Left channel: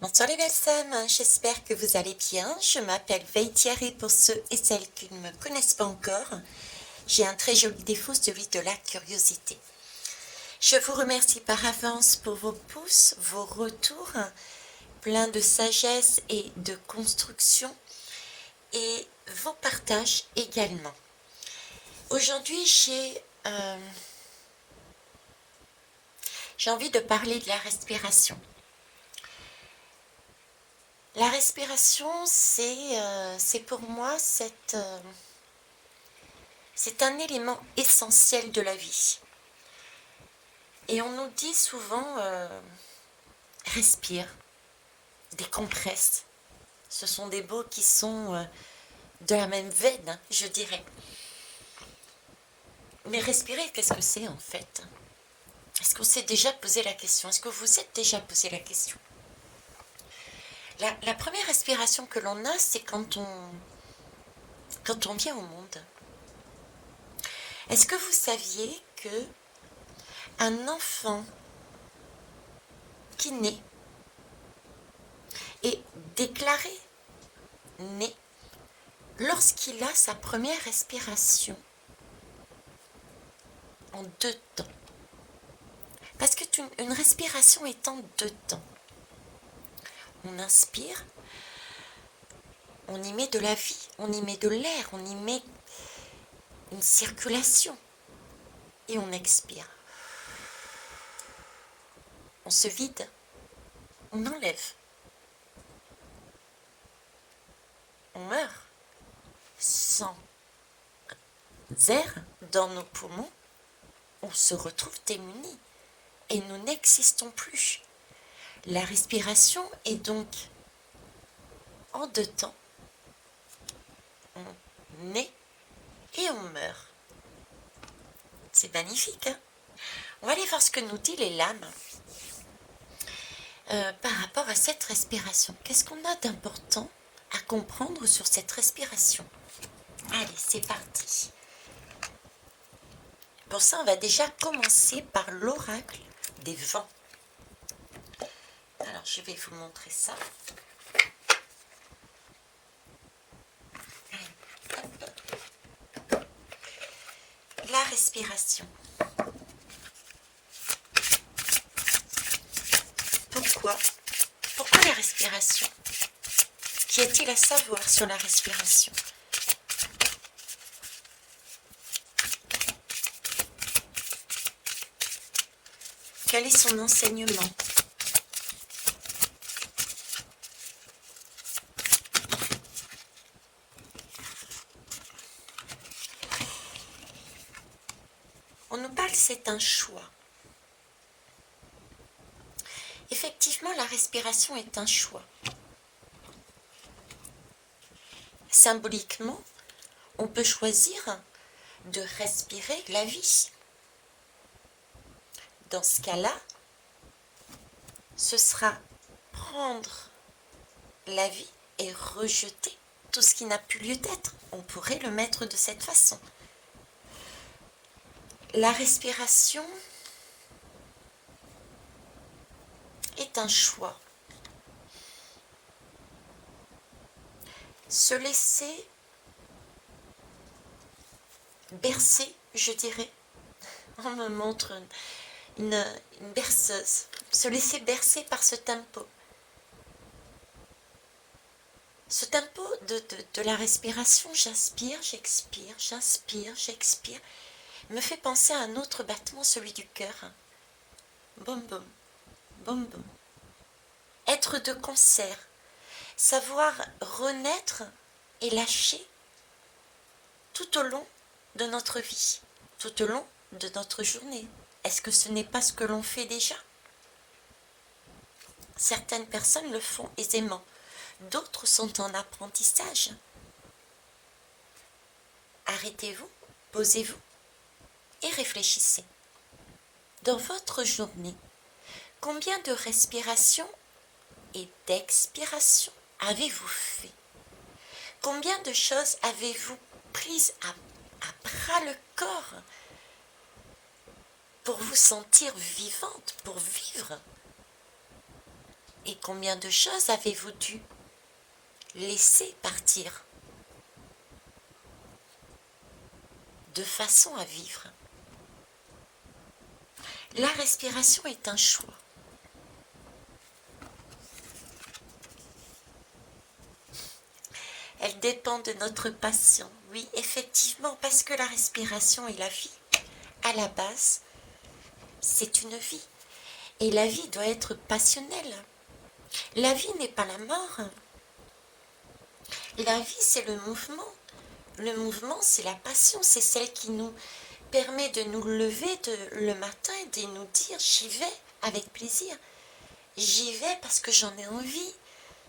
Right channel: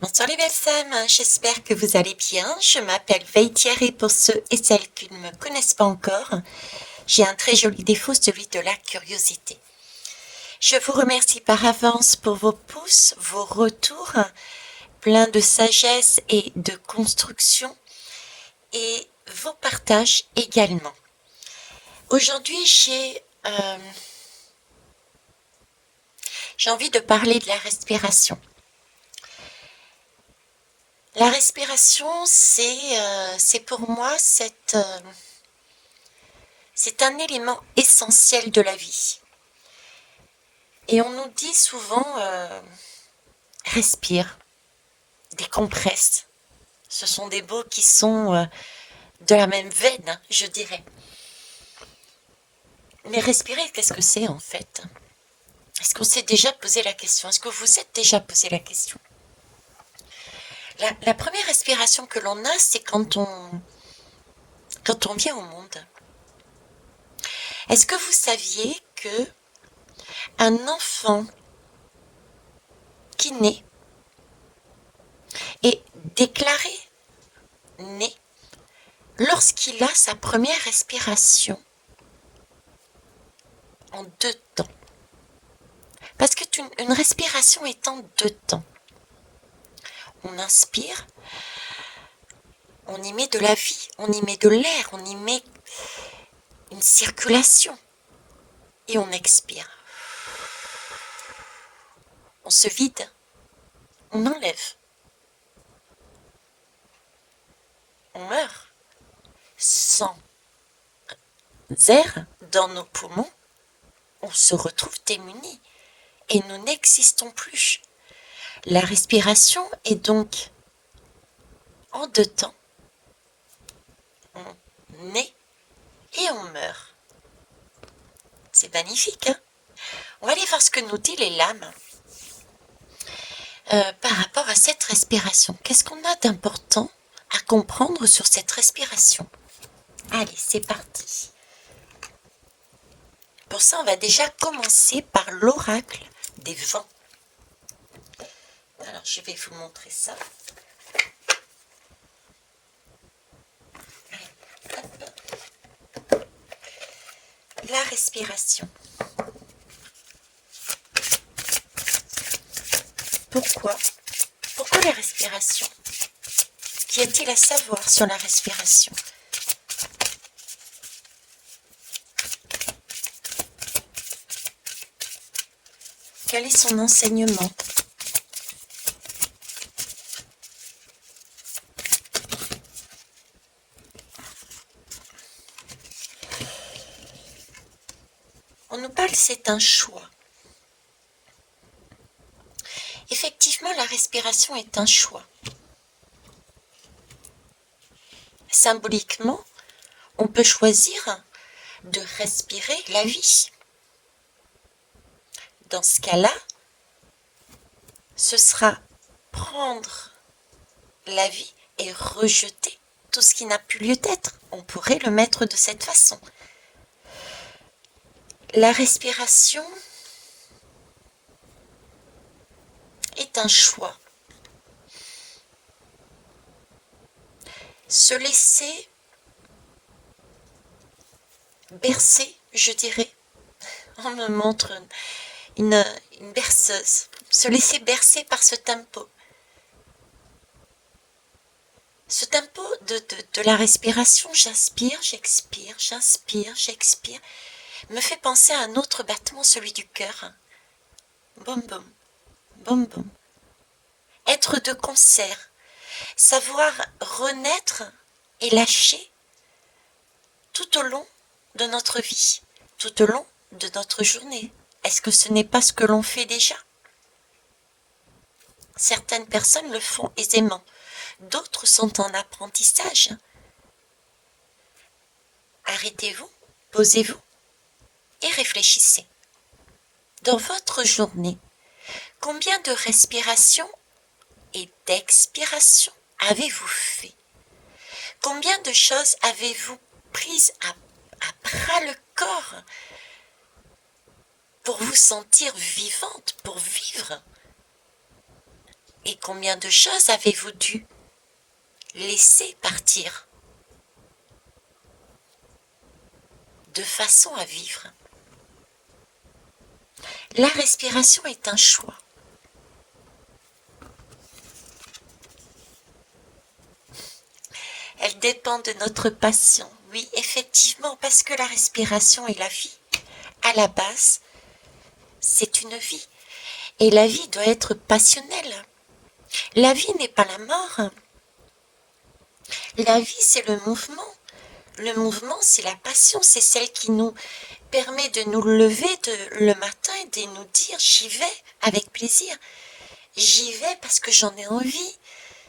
Bonsoir les belles femmes, j'espère que vous allez bien. Je m'appelle Veille Thierry pour ceux et celles qui ne me connaissent pas encore. J'ai un très joli défaut, celui de la curiosité. Je vous remercie par avance pour vos pouces, vos retours, pleins de sagesse et de construction, et vos partages également. Aujourd'hui, j'ai envie de parler de la respiration. La respiration, c'est pour moi c'est un élément essentiel de la vie. Et on nous dit souvent respire, décompresse. Ce sont des mots qui sont de la même veine, hein, je dirais. Mais respirer, qu'est-ce que c'est en fait? Est-ce qu'on s'est déjà posé la question? Est-ce que vous vous êtes déjà posé la question? La première respiration que l'on a, c'est quand on vient au monde. Est-ce que vous saviez que un enfant qui naît est déclaré né lorsqu'il a sa première respiration en 2 temps? Parce qu'une respiration est en 2 temps. On inspire, on y met de la vie, on y met de l'air, on y met une circulation. Et on expire. On se vide, on enlève. On meurt sans air dans nos poumons. On se retrouve démunis et nous n'existons plus. La respiration est donc en 2 temps. On naît et on meurt. C'est magnifique, hein? On va aller voir ce que nous dit les lames par rapport à cette respiration. Qu'est-ce qu'on a d'important à comprendre sur cette respiration? Allez, c'est parti. Pour ça, on va déjà commencer par l'oracle des vents. Alors, je vais vous montrer ça. La respiration. Pourquoi la respiration? Qu'y a-t-il à savoir sur la respiration? Quel est son enseignement? On nous parle, c'est un choix. Effectivement, la respiration est un choix. Symboliquement, on peut choisir de respirer la vie. Dans ce cas-là, ce sera prendre la vie et rejeter tout ce qui n'a plus lieu d'être. On pourrait le mettre de cette façon. La respiration est un choix. Se laisser bercer, je dirais. On me montre une berceuse. Se laisser bercer par ce tempo. Ce tempo de la respiration, j'inspire, j'expire, j'inspire, j'expire, me fait penser à un autre battement, celui du cœur. Boum boum, boum boum. Être de concert, savoir renaître et lâcher tout au long de notre vie, tout au long de notre journée. Est-ce que ce n'est pas ce que l'on fait déjà? Certaines personnes le font aisément, d'autres sont en apprentissage. Arrêtez-vous, posez-vous et réfléchissez. Dans votre journée, combien de respirations et d'expirations avez-vous fait? Combien de choses avez-vous prises à bras le corps pour vous sentir vivante, pour vivre? Et combien de choses avez-vous dû laisser partir de façon à vivre? La respiration est un choix. Elle dépend de notre passion. Oui, effectivement, parce que la respiration est la vie. À la base, c'est une vie. Et la vie doit être passionnelle. La vie n'est pas la mort. La vie, c'est le mouvement. Le mouvement, c'est la passion. C'est celle qui nous permet de nous lever le matin et de nous dire j'y vais avec plaisir. J'y vais parce que j'en ai envie.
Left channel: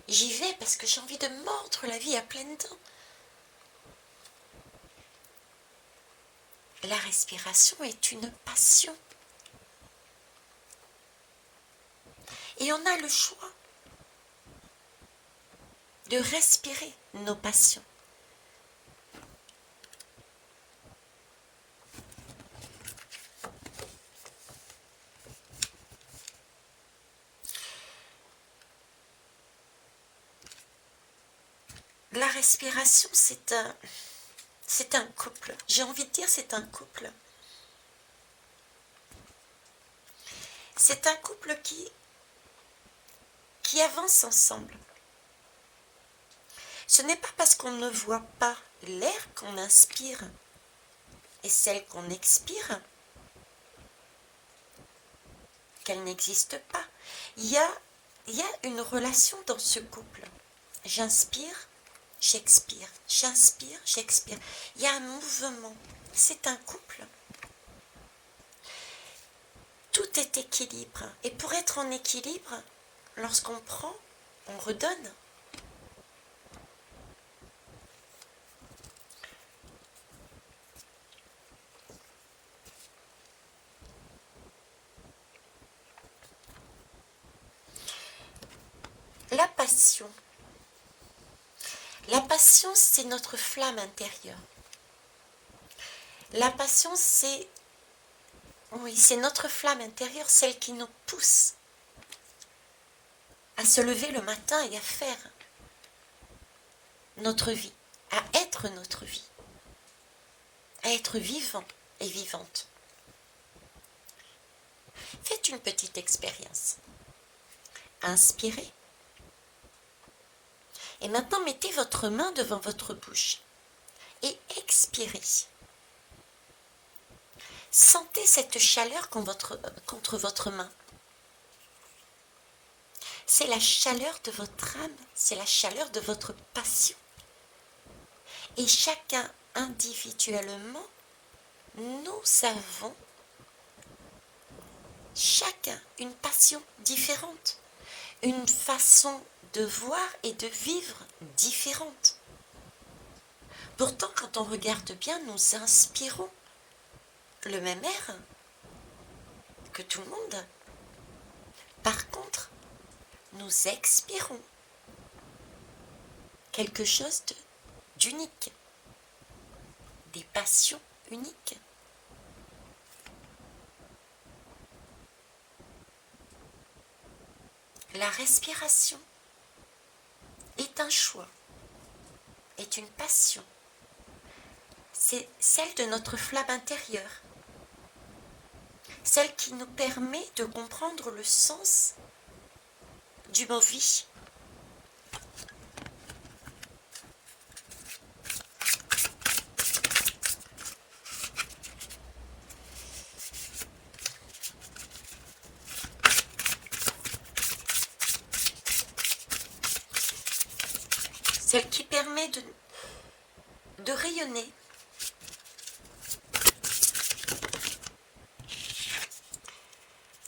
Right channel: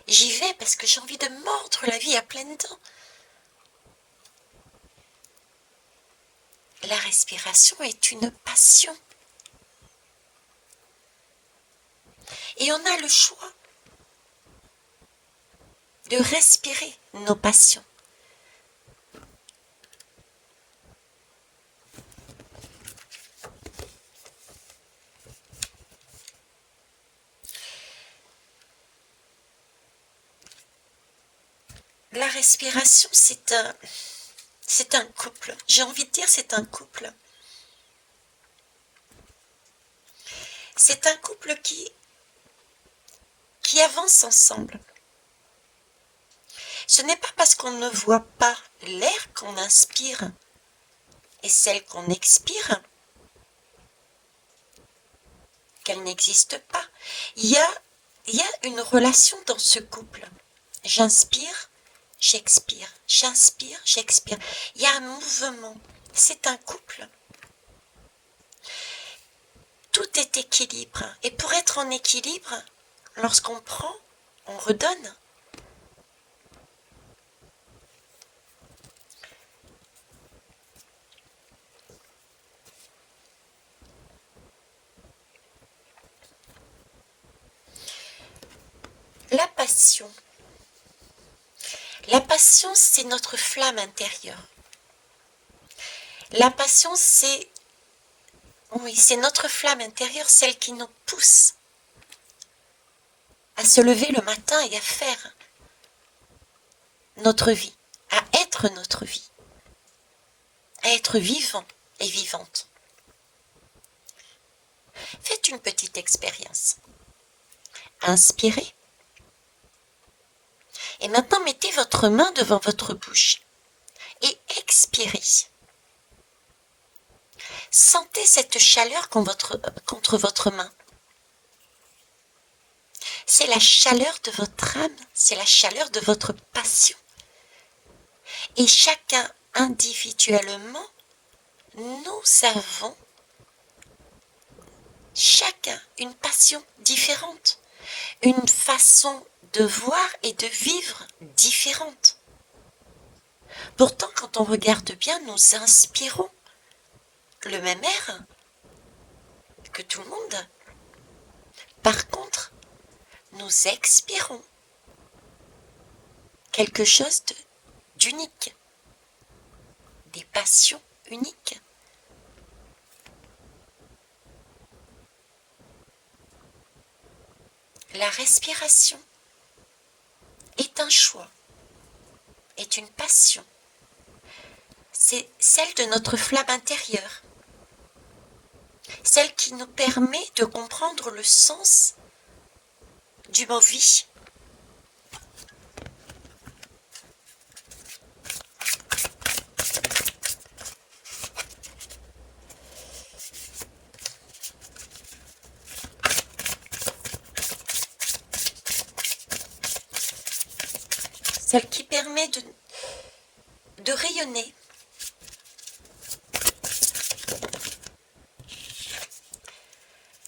J'y vais parce que j'ai envie de mordre la vie à pleines dents. La respiration est une passion. Et on a le choix de respirer nos passions. La respiration, c'est un couple. J'ai envie de dire c'est un couple. C'est un couple qui avance ensemble. Ce n'est pas parce qu'on ne voit pas l'air qu'on inspire et celle qu'on expire qu'elle n'existe pas. Il y a une relation dans ce couple. J'inspire, j'expire. J'inspire, j'expire. Il y a un mouvement. C'est un couple. Tout est équilibre. Et pour être en équilibre, lorsqu'on prend, on redonne. La passion. La passion, c'est notre flamme intérieure. La passion, c'est notre flamme intérieure, celle qui nous pousse à se lever le matin et à faire notre vie, à être notre vie, à être vivant et vivante. Faites une petite expérience. Inspirez. Et maintenant, mettez votre main devant votre bouche et expirez. Sentez cette chaleur contre votre main. C'est la chaleur de votre âme, c'est la chaleur de votre passion. Et chacun individuellement, nous avons chacun une passion différente, une façon de voir et de vivre différente. Pourtant, quand on regarde bien, nous inspirons le même air que tout le monde. Par contre, nous expirons quelque chose d'unique, des passions uniques. La respiration est un choix, est une passion. C'est celle de notre flamme intérieure, celle qui nous permet de comprendre le sens du mot vie. Celle qui permet de rayonner.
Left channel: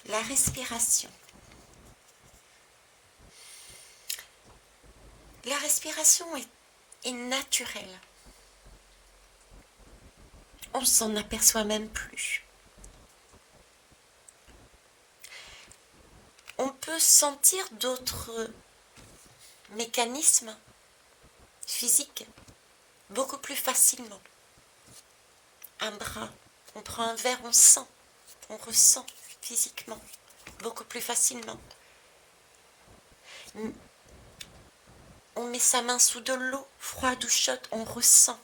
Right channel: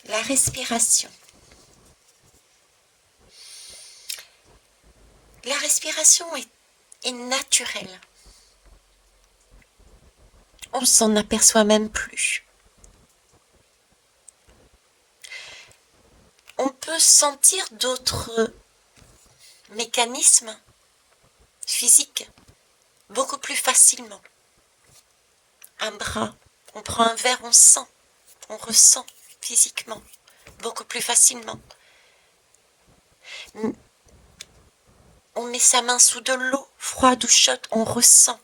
La respiration. La respiration est naturelle. On ne s'en aperçoit même plus. On peut sentir d'autres mécanismes physiques beaucoup plus facilement. Un bras, on prend un verre, on sent, on ressent physiquement beaucoup plus facilement. On met sa main sous de l'eau, froide ou chaude, on ressent.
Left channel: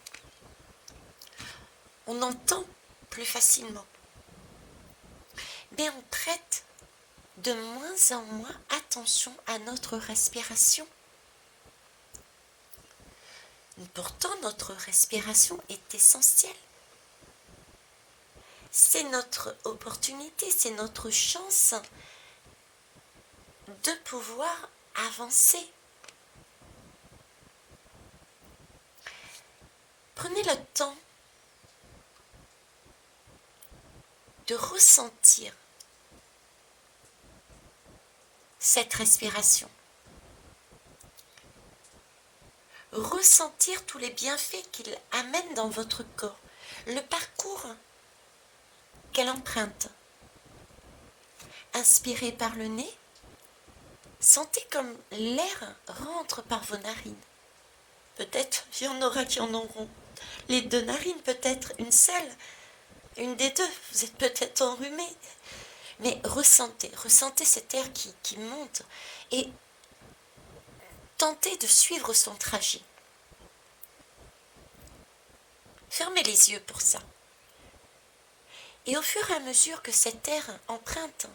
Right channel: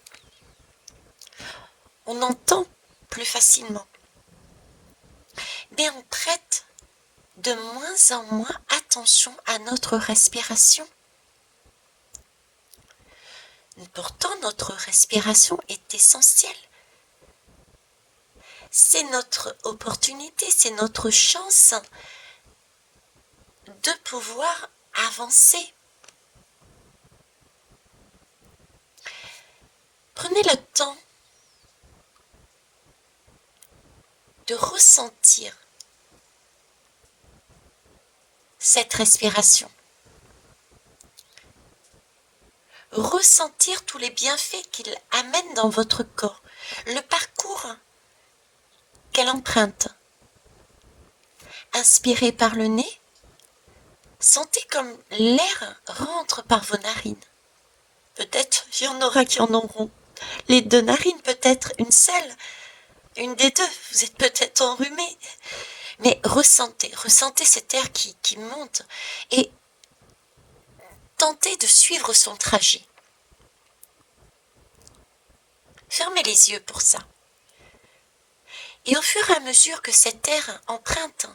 On entend plus facilement. Mais on prête de moins en moins attention à notre respiration. Pourtant, notre respiration est essentielle. C'est notre opportunité, c'est notre chance de pouvoir avancer. Prenez le temps de ressentir cette respiration. Ressentir tous les bienfaits qu'il amène dans votre corps, le parcours qu'elle emprunte. Inspirez par le nez, sentez comme l'air rentre par vos narines. Peut-être il y en aura qui en auront les deux narines, peut-être une seule, une des deux, vous êtes peut-être enrhumé. Mais ressentez cet air qui monte et tentez de suivre son trajet. Fermez les yeux pour ça. Et au fur et à mesure que cet air emprunte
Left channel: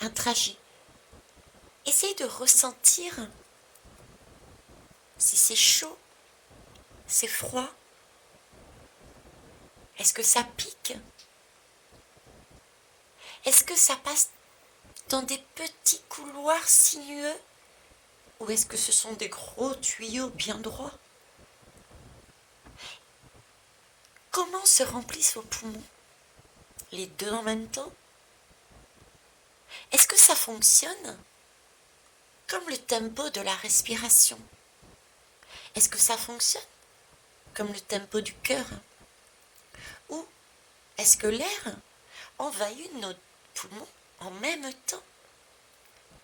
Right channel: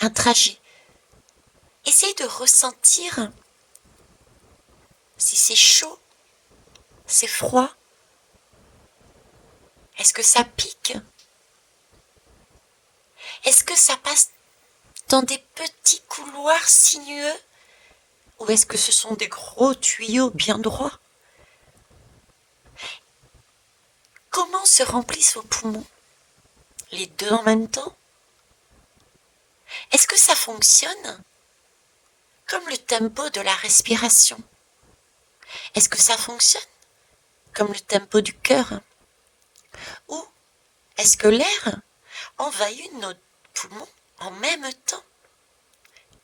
un trajet, essayez de ressentir si c'est chaud, c'est froid, est-ce que ça pique? Est-ce que ça passe dans des petits couloirs sinueux ou est-ce que ce sont des gros tuyaux bien droits? Comment se remplissent vos poumons? Les deux en même temps? Est-ce que ça fonctionne comme le tempo de la respiration? Est-ce que ça fonctionne comme le tempo du cœur? Ou est-ce que l'air envahit nos poumons en même temps,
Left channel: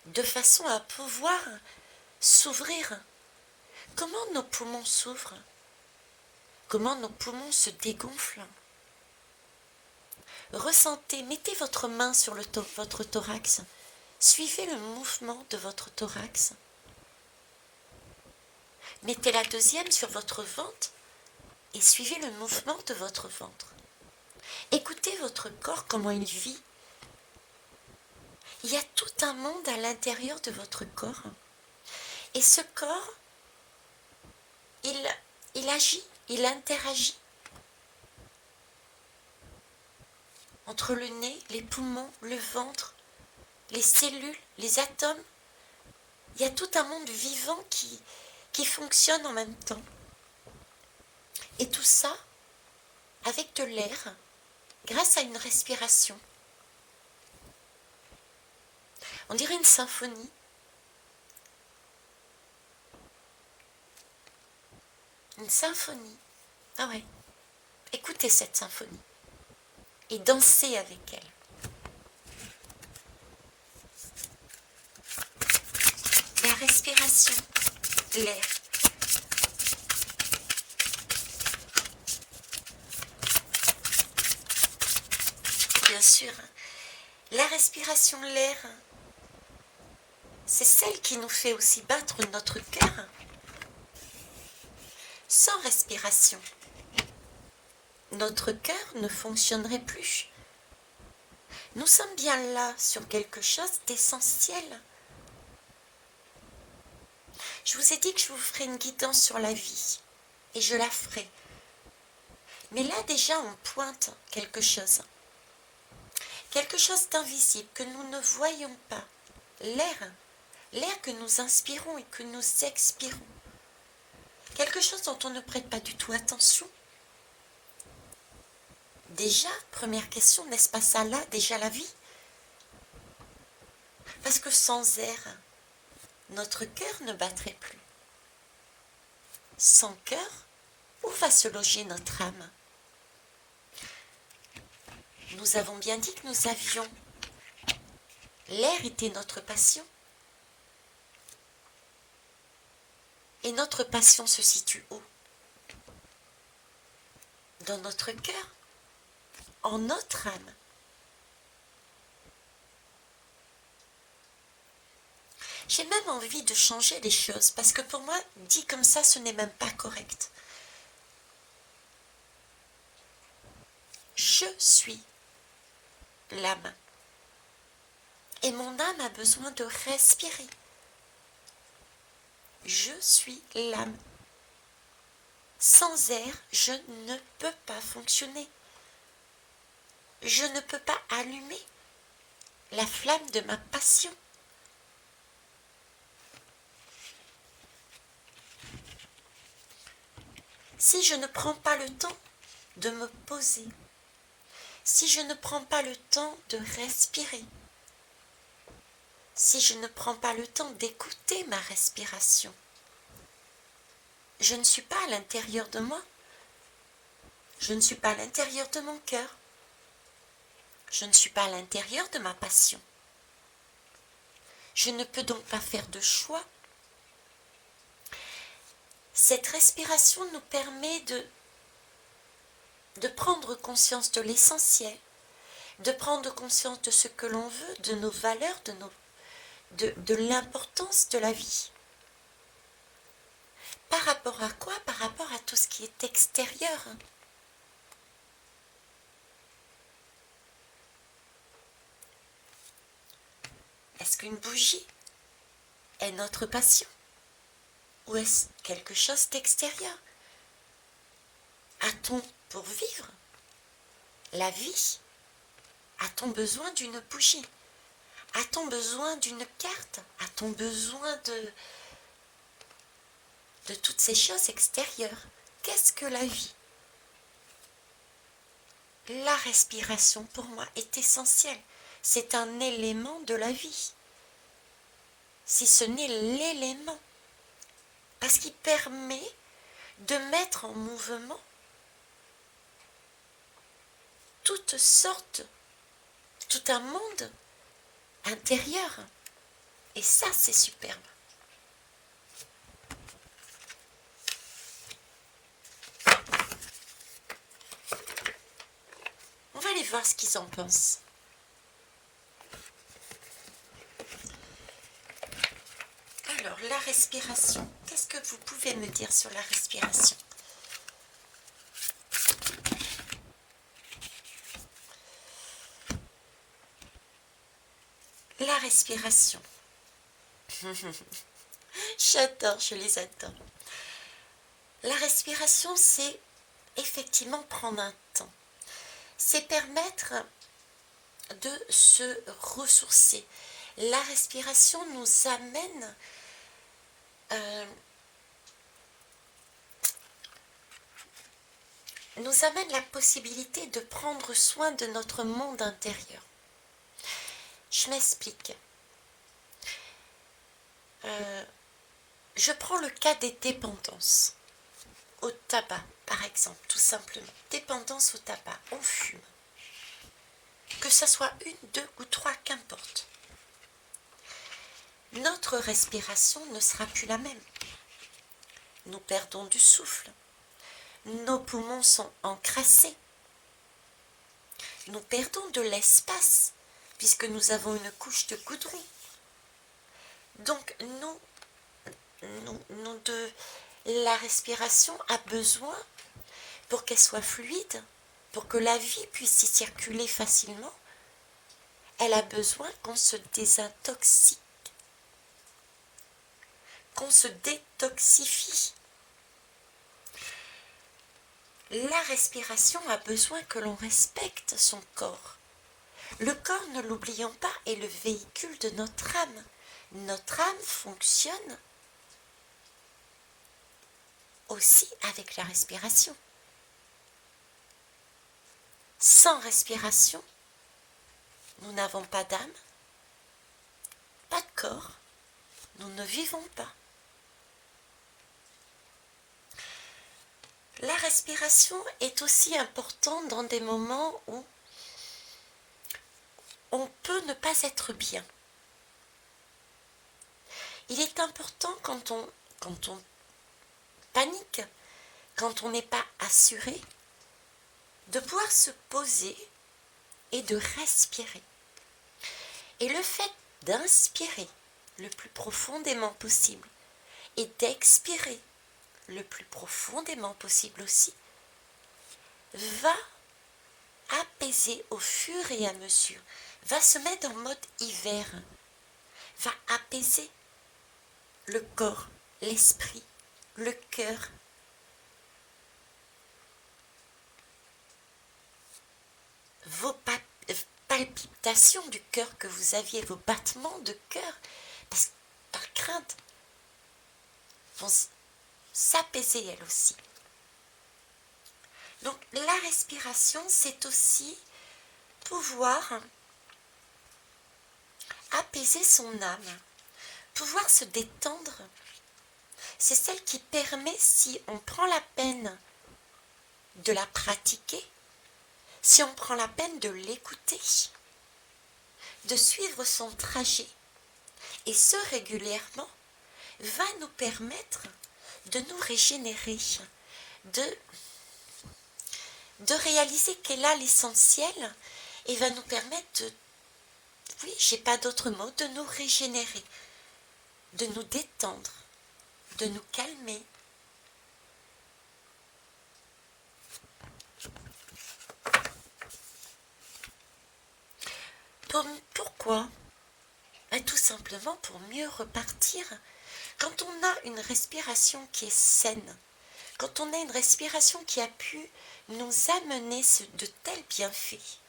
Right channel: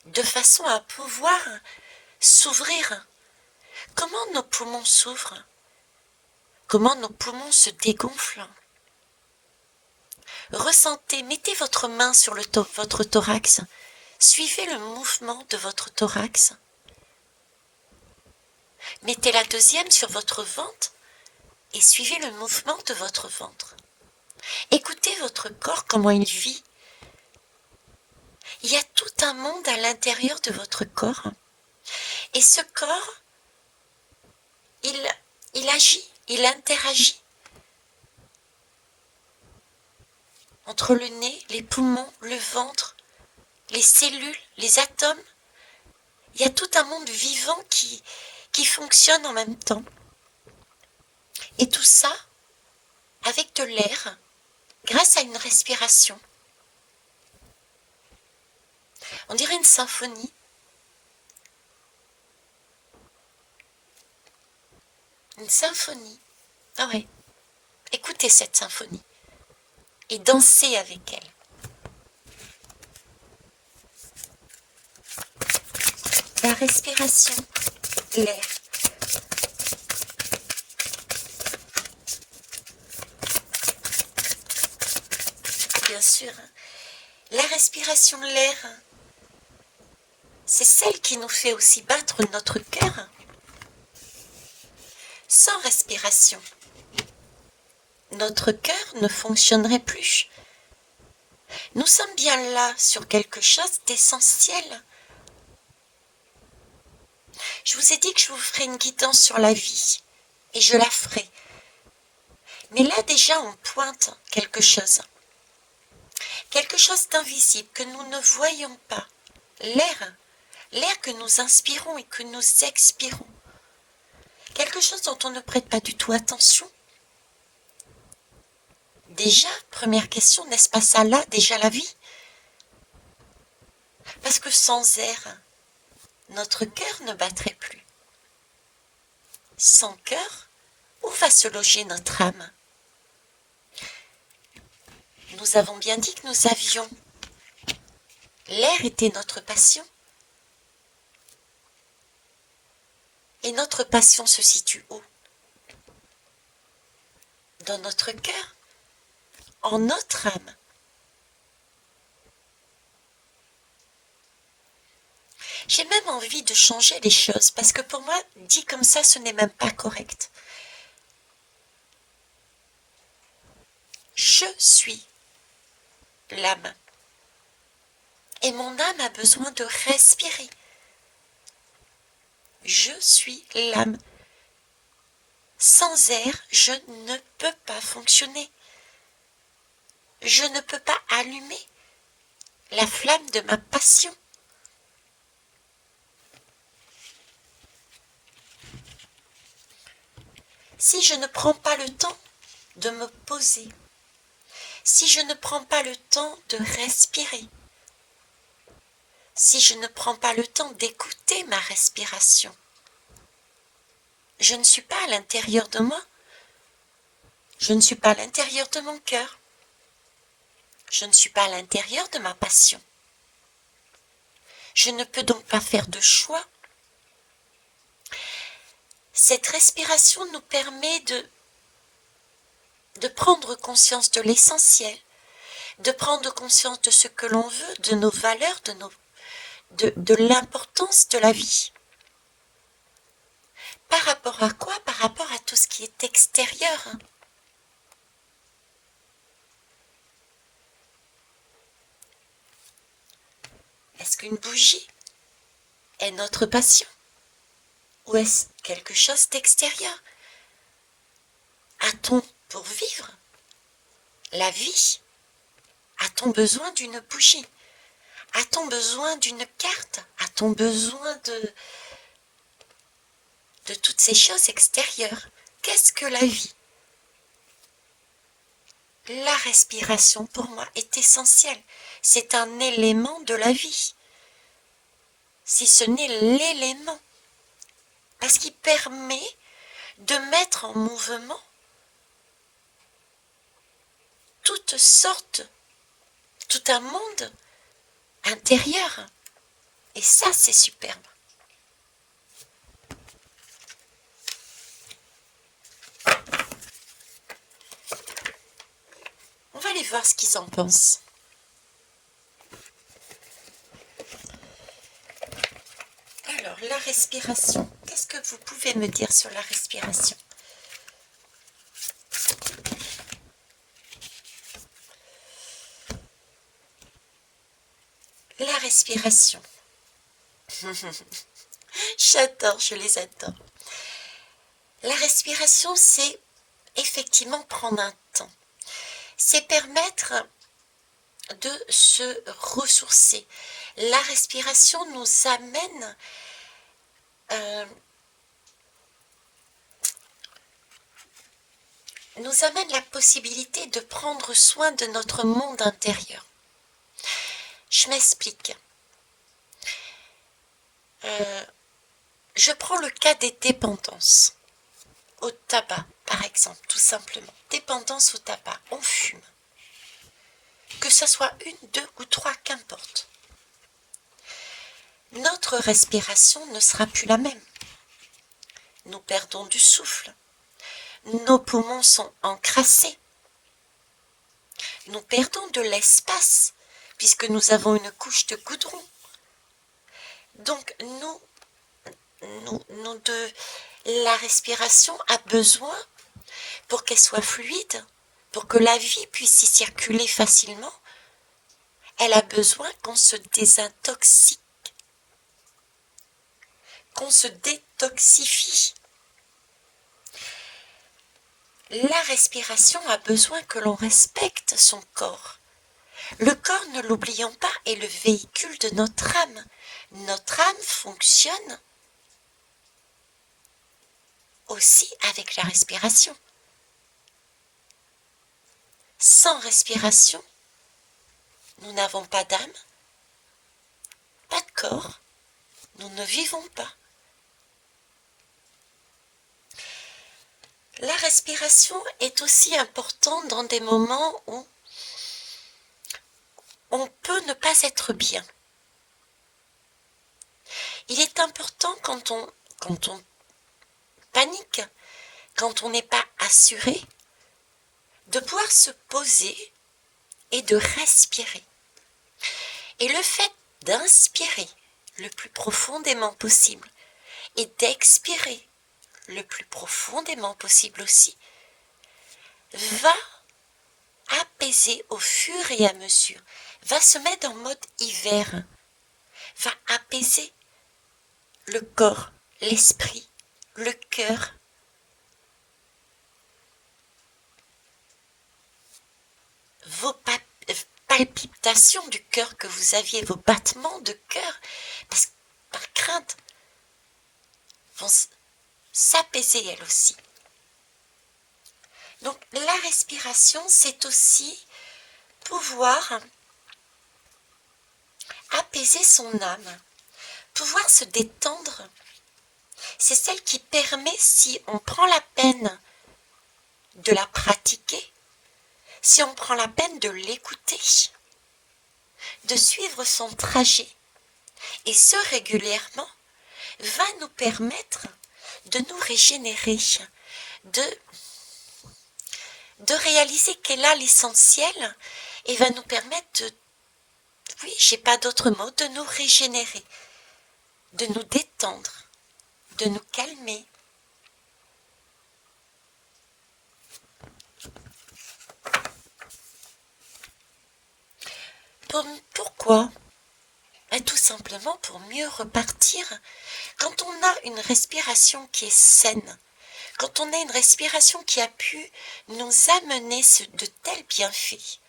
de façon à pouvoir s'ouvrir? Comment nos poumons s'ouvrent? Comment nos poumons se dégonflent? Ressentez, mettez votre main sur votre thorax, suivez le mouvement de votre thorax. Mettez la deuxième sur votre ventre et suivez le mouvement de votre ventre. Écoutez votre corps, comment il vit. Il y a tout un monde à l'intérieur de votre corps. Et ce corps, il agit, il interagit entre le nez, les poumons, le ventre, les cellules, les atomes. Il y a tout un monde vivant qui fonctionne en même temps. Et tout ça avec de l'air, grâce à une respiration. On dirait une symphonie. Une symphonie. Ah ouais. Écoutez cette symphonie. Et dansez avec elle. La respiration, l'air. Bien sûr, la respiration, l'air, c'est celle qui nous fait aussi battre notre cœur. Sans respiration, notre cœur ne fonctionnerait plus. Nous sommes bien là sur quelque chose d'essentiel. Je vous ai dit que je vous ferai une guidance sur la vie, et je la ferai. Mais là déjà on pointe quelque chose d'invisible que nous ne voyons pas. L'air que nous inspirons et que nous expirons. Quelque chose dont on ne prête pas du tout attention. Déjà, première question, n'est-ce pas ça là, déjà la vie? Parce que sans air, notre cœur ne battrait plus. Sans cœur, où va se loger notre âme? Nous avons bien dit que nous avions. L'air était notre passion. Et notre passion se situe où? Dans notre cœur, en notre âme. J'ai même envie de changer les choses parce que pour moi, dit comme ça, ce n'est même pas correct. Je suis l'âme. Et mon âme a besoin de respirer. Je suis l'âme. Sans air, je ne peux pas fonctionner. Je ne peux pas allumer la flamme de ma passion. Si je ne prends pas le temps de me poser, si je ne prends pas le temps de respirer, si je ne prends pas le temps d'écouter ma respiration, je ne suis pas à l'intérieur de moi, je ne suis pas à l'intérieur de mon cœur, je ne suis pas à l'intérieur de ma passion. Je ne peux donc pas faire de choix. Cette respiration nous permet de prendre conscience de l'essentiel, de prendre conscience de ce que l'on veut, de nos valeurs, de l'importance de la vie. Par rapport à quoi? Par rapport à tout ce qui est extérieur. Est-ce qu'une bougie est notre passion? Ou est-ce quelque chose d'extérieur? A-t-on, pour vivre la vie, a-t-on besoin d'une bougie? A-t-on besoin d'une carte? A-t-on besoin de toutes ces choses extérieures? Qu'est-ce que la vie? La respiration, pour moi, est essentielle. C'est un élément de la vie. Si ce n'est l'élément. Parce qu'il permet de mettre en mouvement toutes sortes, tout un monde intérieur. Et ça, c'est superbe. On va aller voir ce qu'ils en pensent. Alors, la respiration. Qu'est-ce que vous pouvez me dire sur la respiration? La respiration. J'adore, je les adore. La respiration, c'est effectivement prendre un temps. C'est permettre de se ressourcer. La respiration nous amène la possibilité de prendre soin de notre monde intérieur. Je m'explique. Je prends le cas des dépendances au tabac, par exemple, tout simplement. Dépendance au tabac, on fume. Que ce soit une, deux ou trois, qu'importe. Notre respiration ne sera plus la même. Nous perdons du souffle. Nos poumons sont encrassés. Nous perdons de l'espace puisque nous avons une couche de goudron. Donc la respiration a besoin, pour qu'elle soit fluide, pour que la vie puisse y circuler facilement, elle a besoin qu'on se désintoxique, qu'on se détoxifie. La respiration a besoin que l'on respecte son corps. Le corps, ne l'oublions pas, est le véhicule de notre âme. Notre âme fonctionne aussi avec la respiration. Sans respiration, nous n'avons pas d'âme, pas de corps, nous ne vivons pas. La respiration est aussi importante dans des moments où on peut ne pas être bien. Il est important quand on panique, quand on n'est pas assuré, de pouvoir se poser et de respirer. Et le fait d'inspirer le plus profondément possible et d'expirer le plus profondément possible aussi, va apaiser au fur et à mesure, va se mettre en mode hiver, va apaiser le corps, l'esprit, le cœur. Vos palpitations du cœur que vous aviez, vos battements de cœur, parce que par crainte, vont s'apaiser elles aussi. Donc la respiration, c'est aussi pouvoir apaiser son âme, pouvoir se détendre. C'est celle qui permet, si on prend la peine de la pratiquer, si on prend la peine de l'écouter, de suivre son trajet, et ce régulièrement, va nous permettre de nous régénérer, de réaliser qu'elle a l'essentiel et va nous permettre de, oui, j'ai pas d'autre mot, de nous régénérer, de nous détendre, de nous calmer. Pourquoi? Tout simplement pour mieux repartir. Quand on a une respiration qui est saine, quand on a une respiration qui a pu nous amener de tels bienfaits,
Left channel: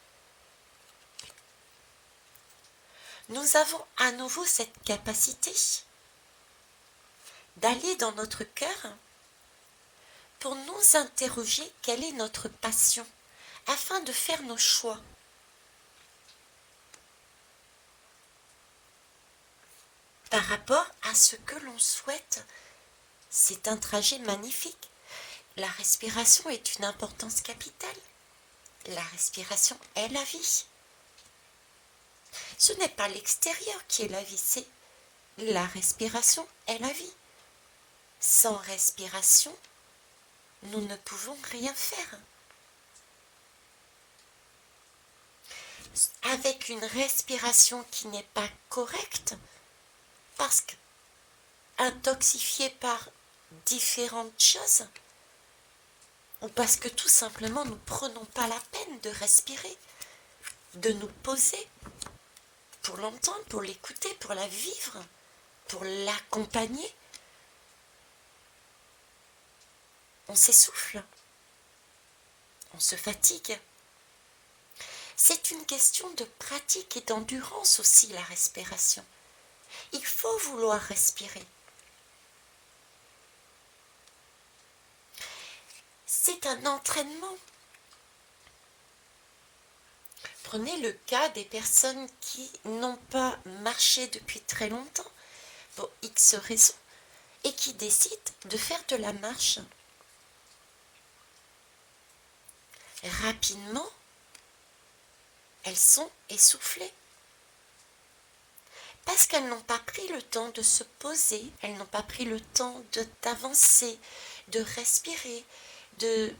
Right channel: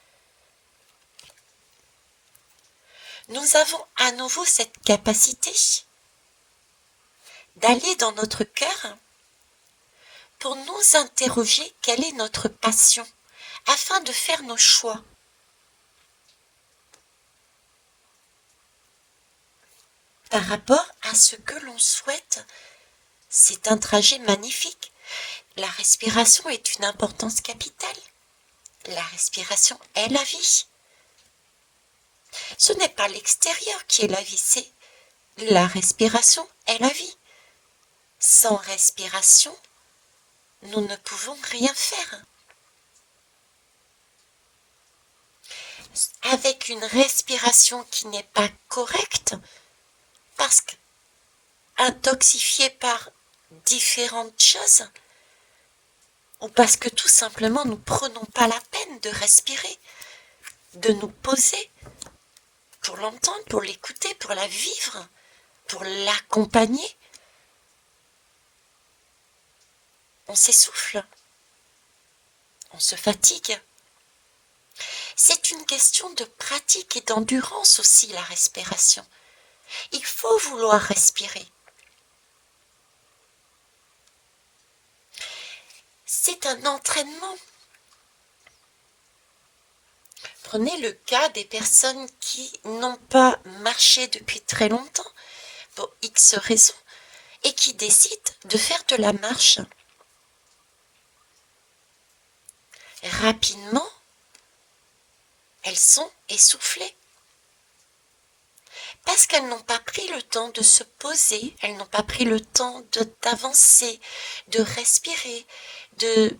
nous avons à nouveau cette capacité d'aller dans notre cœur pour nous interroger quelle est notre passion, afin de faire nos choix. Par rapport à ce que l'on souhaite, c'est un trajet magnifique. La respiration est une importance capitale. La respiration est la vie. Ce n'est pas l'extérieur qui est la vie, c'est la respiration est la vie. Sans respiration, nous ne pouvons rien faire. Avec une respiration qui n'est pas correcte, parce qu'intoxifiée par différentes choses, ou parce que tout simplement nous ne prenons pas la peine de respirer, de nous poser pour l'entendre, pour l'écouter, pour la vivre, pour l'accompagner, on s'essouffle, on se fatigue. C'est une question de pratique et d'endurance aussi, la respiration. Il faut vouloir respirer. C'est un entraînement. Prenez le cas des personnes qui n'ont pas marché depuis très longtemps, pour X raisons, et qui décident de faire de la marche. Rapidement, elles sont essoufflées. Parce qu'elles n'ont pas pris le temps de se poser, elles n'ont pas pris le temps d'avancer, de respirer, de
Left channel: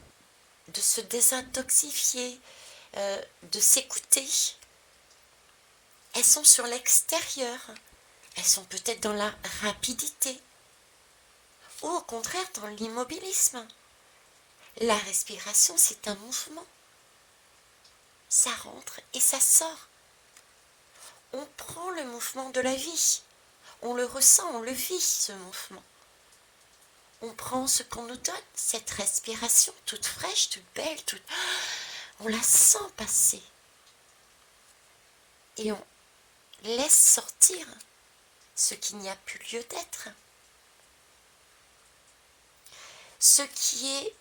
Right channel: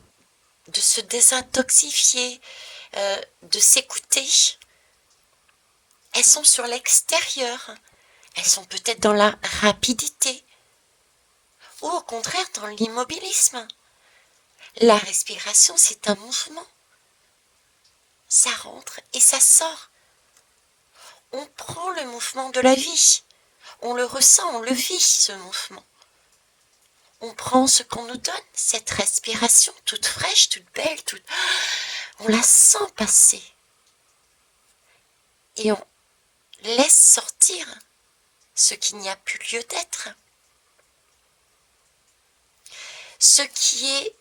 se désintoxifier, de s'écouter. Elles sont sur l'extérieur, elles sont peut-être dans la rapidité, ou au contraire dans l'immobilisme. La respiration, c'est un mouvement. Ça rentre et ça sort. On prend le mouvement de la vie. On le ressent, on le vit, ce mouvement. On prend ce qu'on nous donne, cette respiration toute fraîche, toute belle, on la sent passer. Et on laisse sortir ce qui n'y a plus lieu d'être. Ce qui est...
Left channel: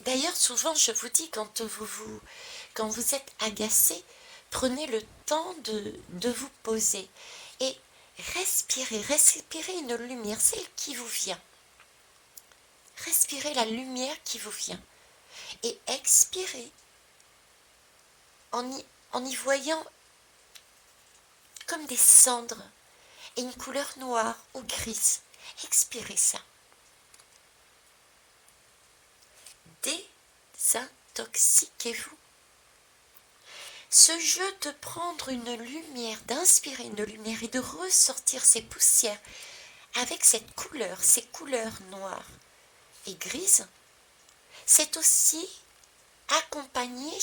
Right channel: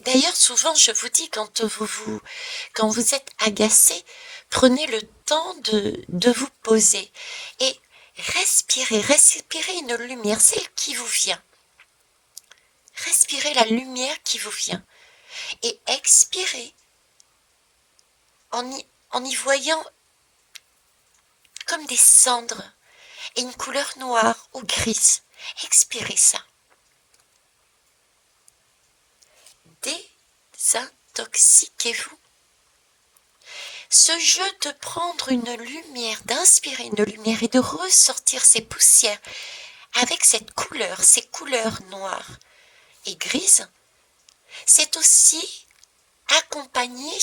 D'ailleurs, souvent, je vous dis, quand vous êtes agacé, prenez le temps de vous poser et respirez une lumière, celle qui vous vient. Respirez la lumière qui vous vient et expirez en y voyant comme des cendres et une couleur noire ou grise. Expirez ça. Désintoxiquez-vous. Ce jeu de prendre une lumière, d'inspirer une lumière et de ressortir ces poussières avec cette couleur, ces couleurs noires et grises, c'est aussi accompagner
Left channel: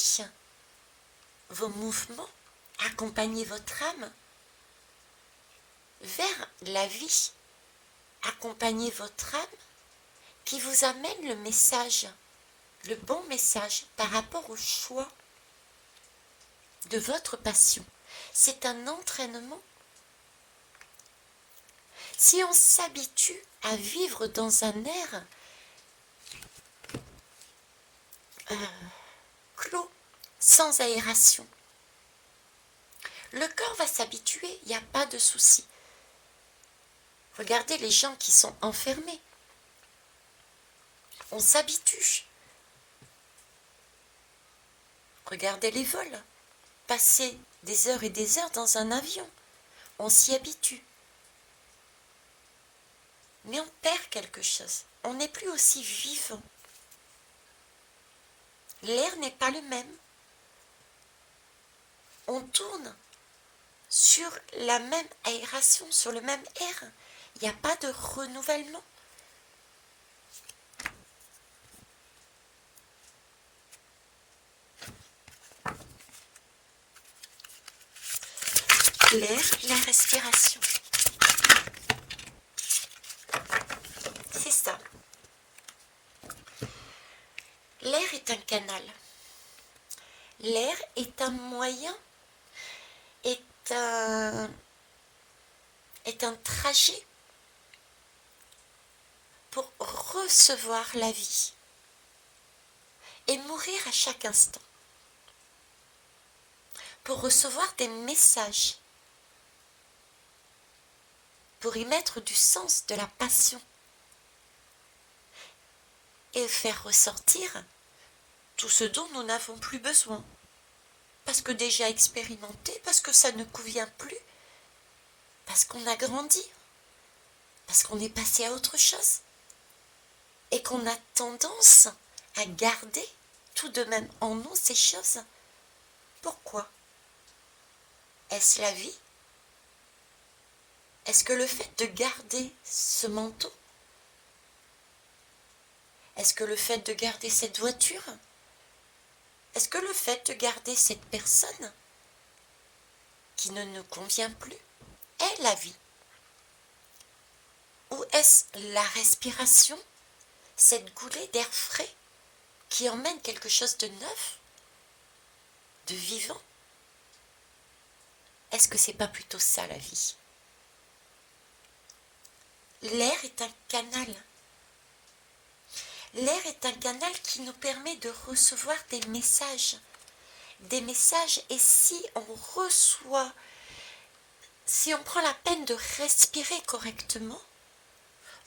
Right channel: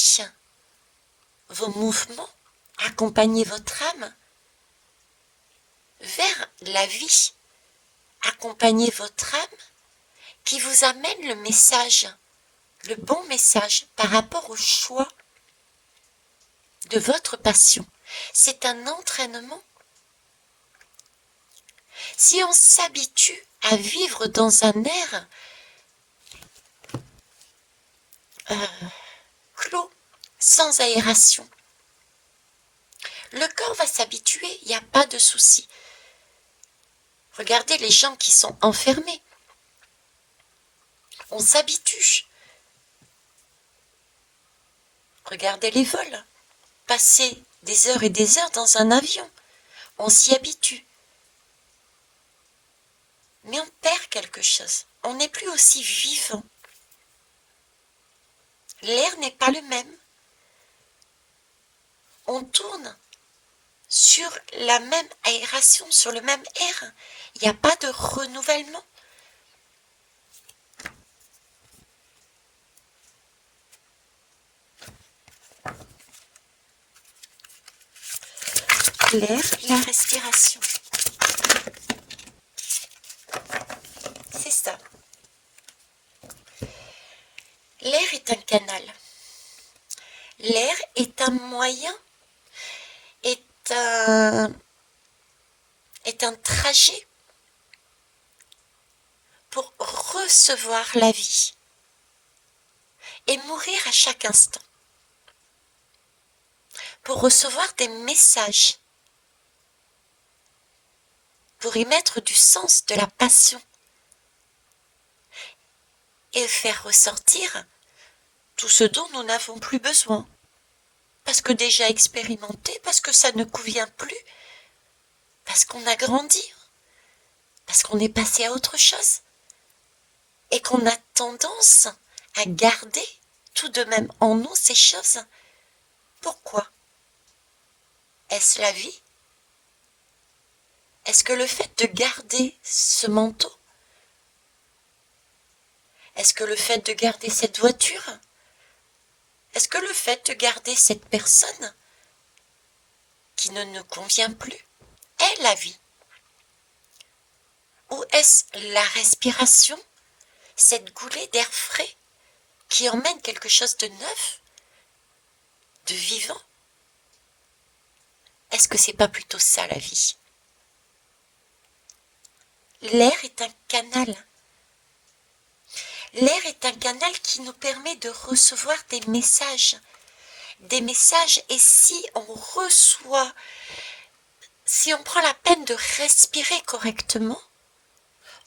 vos mouvements, accompagner votre âme vers la vie, accompagner votre âme qui vous amène le message, le bon message par rapport au choix de votre passion. C'est un entraînement. Si on s'habitue à vivre dans un air clos, sans aération, le corps va s'habituer, il n'y a pas de souci. Regardez les gens qui sont enfermés. On s'habitue. Regardez les vols. Passer des heures et des heures dans un avion. On s'y habitue. Mais on perd quelque chose. On n'est plus aussi vivant. L'air n'est pas le même. On tourne sur la même aération, sur le même air. Il n'y a pas de renouvellement. L'air, la respiration. C'est ça. L'air est un canal. L'air est un moyen, est un trajet pour recevoir la vie et mourir à chaque instant. Pour recevoir des messages, pour y mettre du sens, de la passion et faire ressortir tout ce dont nous n'avons plus besoin. Parce que déjà expérimenté, parce que ça ne convient plus, parce qu'on a grandi, parce qu'on est passé à autre chose et qu'on a tendance à garder tout de même en nous ces choses. Pourquoi? Est-ce la vie? Est-ce que le fait de garder ce manteau? Est-ce que le fait de garder cette voiture? Est-ce que le fait de garder cette personne qui ne nous convient plus est la vie? Ou est-ce la respiration, cette goulée d'air frais qui emmène quelque chose de neuf, de vivant? Est-ce que c'est pas plutôt ça la vie? L'air est un canal. L'air est un canal qui nous permet de recevoir des messages. Et si on reçoit, si on prend la peine de respirer correctement,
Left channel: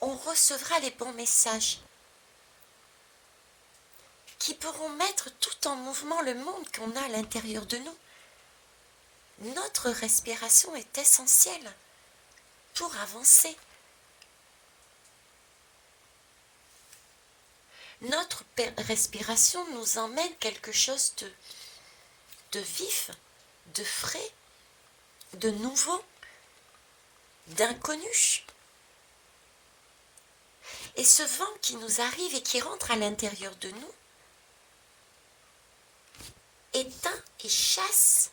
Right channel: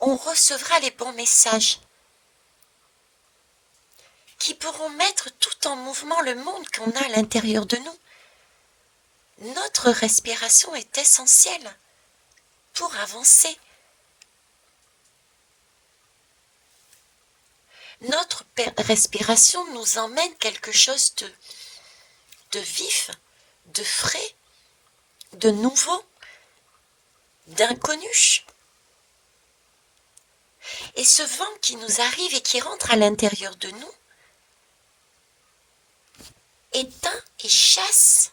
on recevra les bons messages qui pourront mettre tout en mouvement le monde qu'on a à l'intérieur de nous. Notre respiration est essentielle pour avancer. Notre respiration nous emmène quelque chose de vif, de frais, de nouveau, d'inconnu. Et ce vent qui nous arrive et qui rentre à l'intérieur de nous éteint et chasse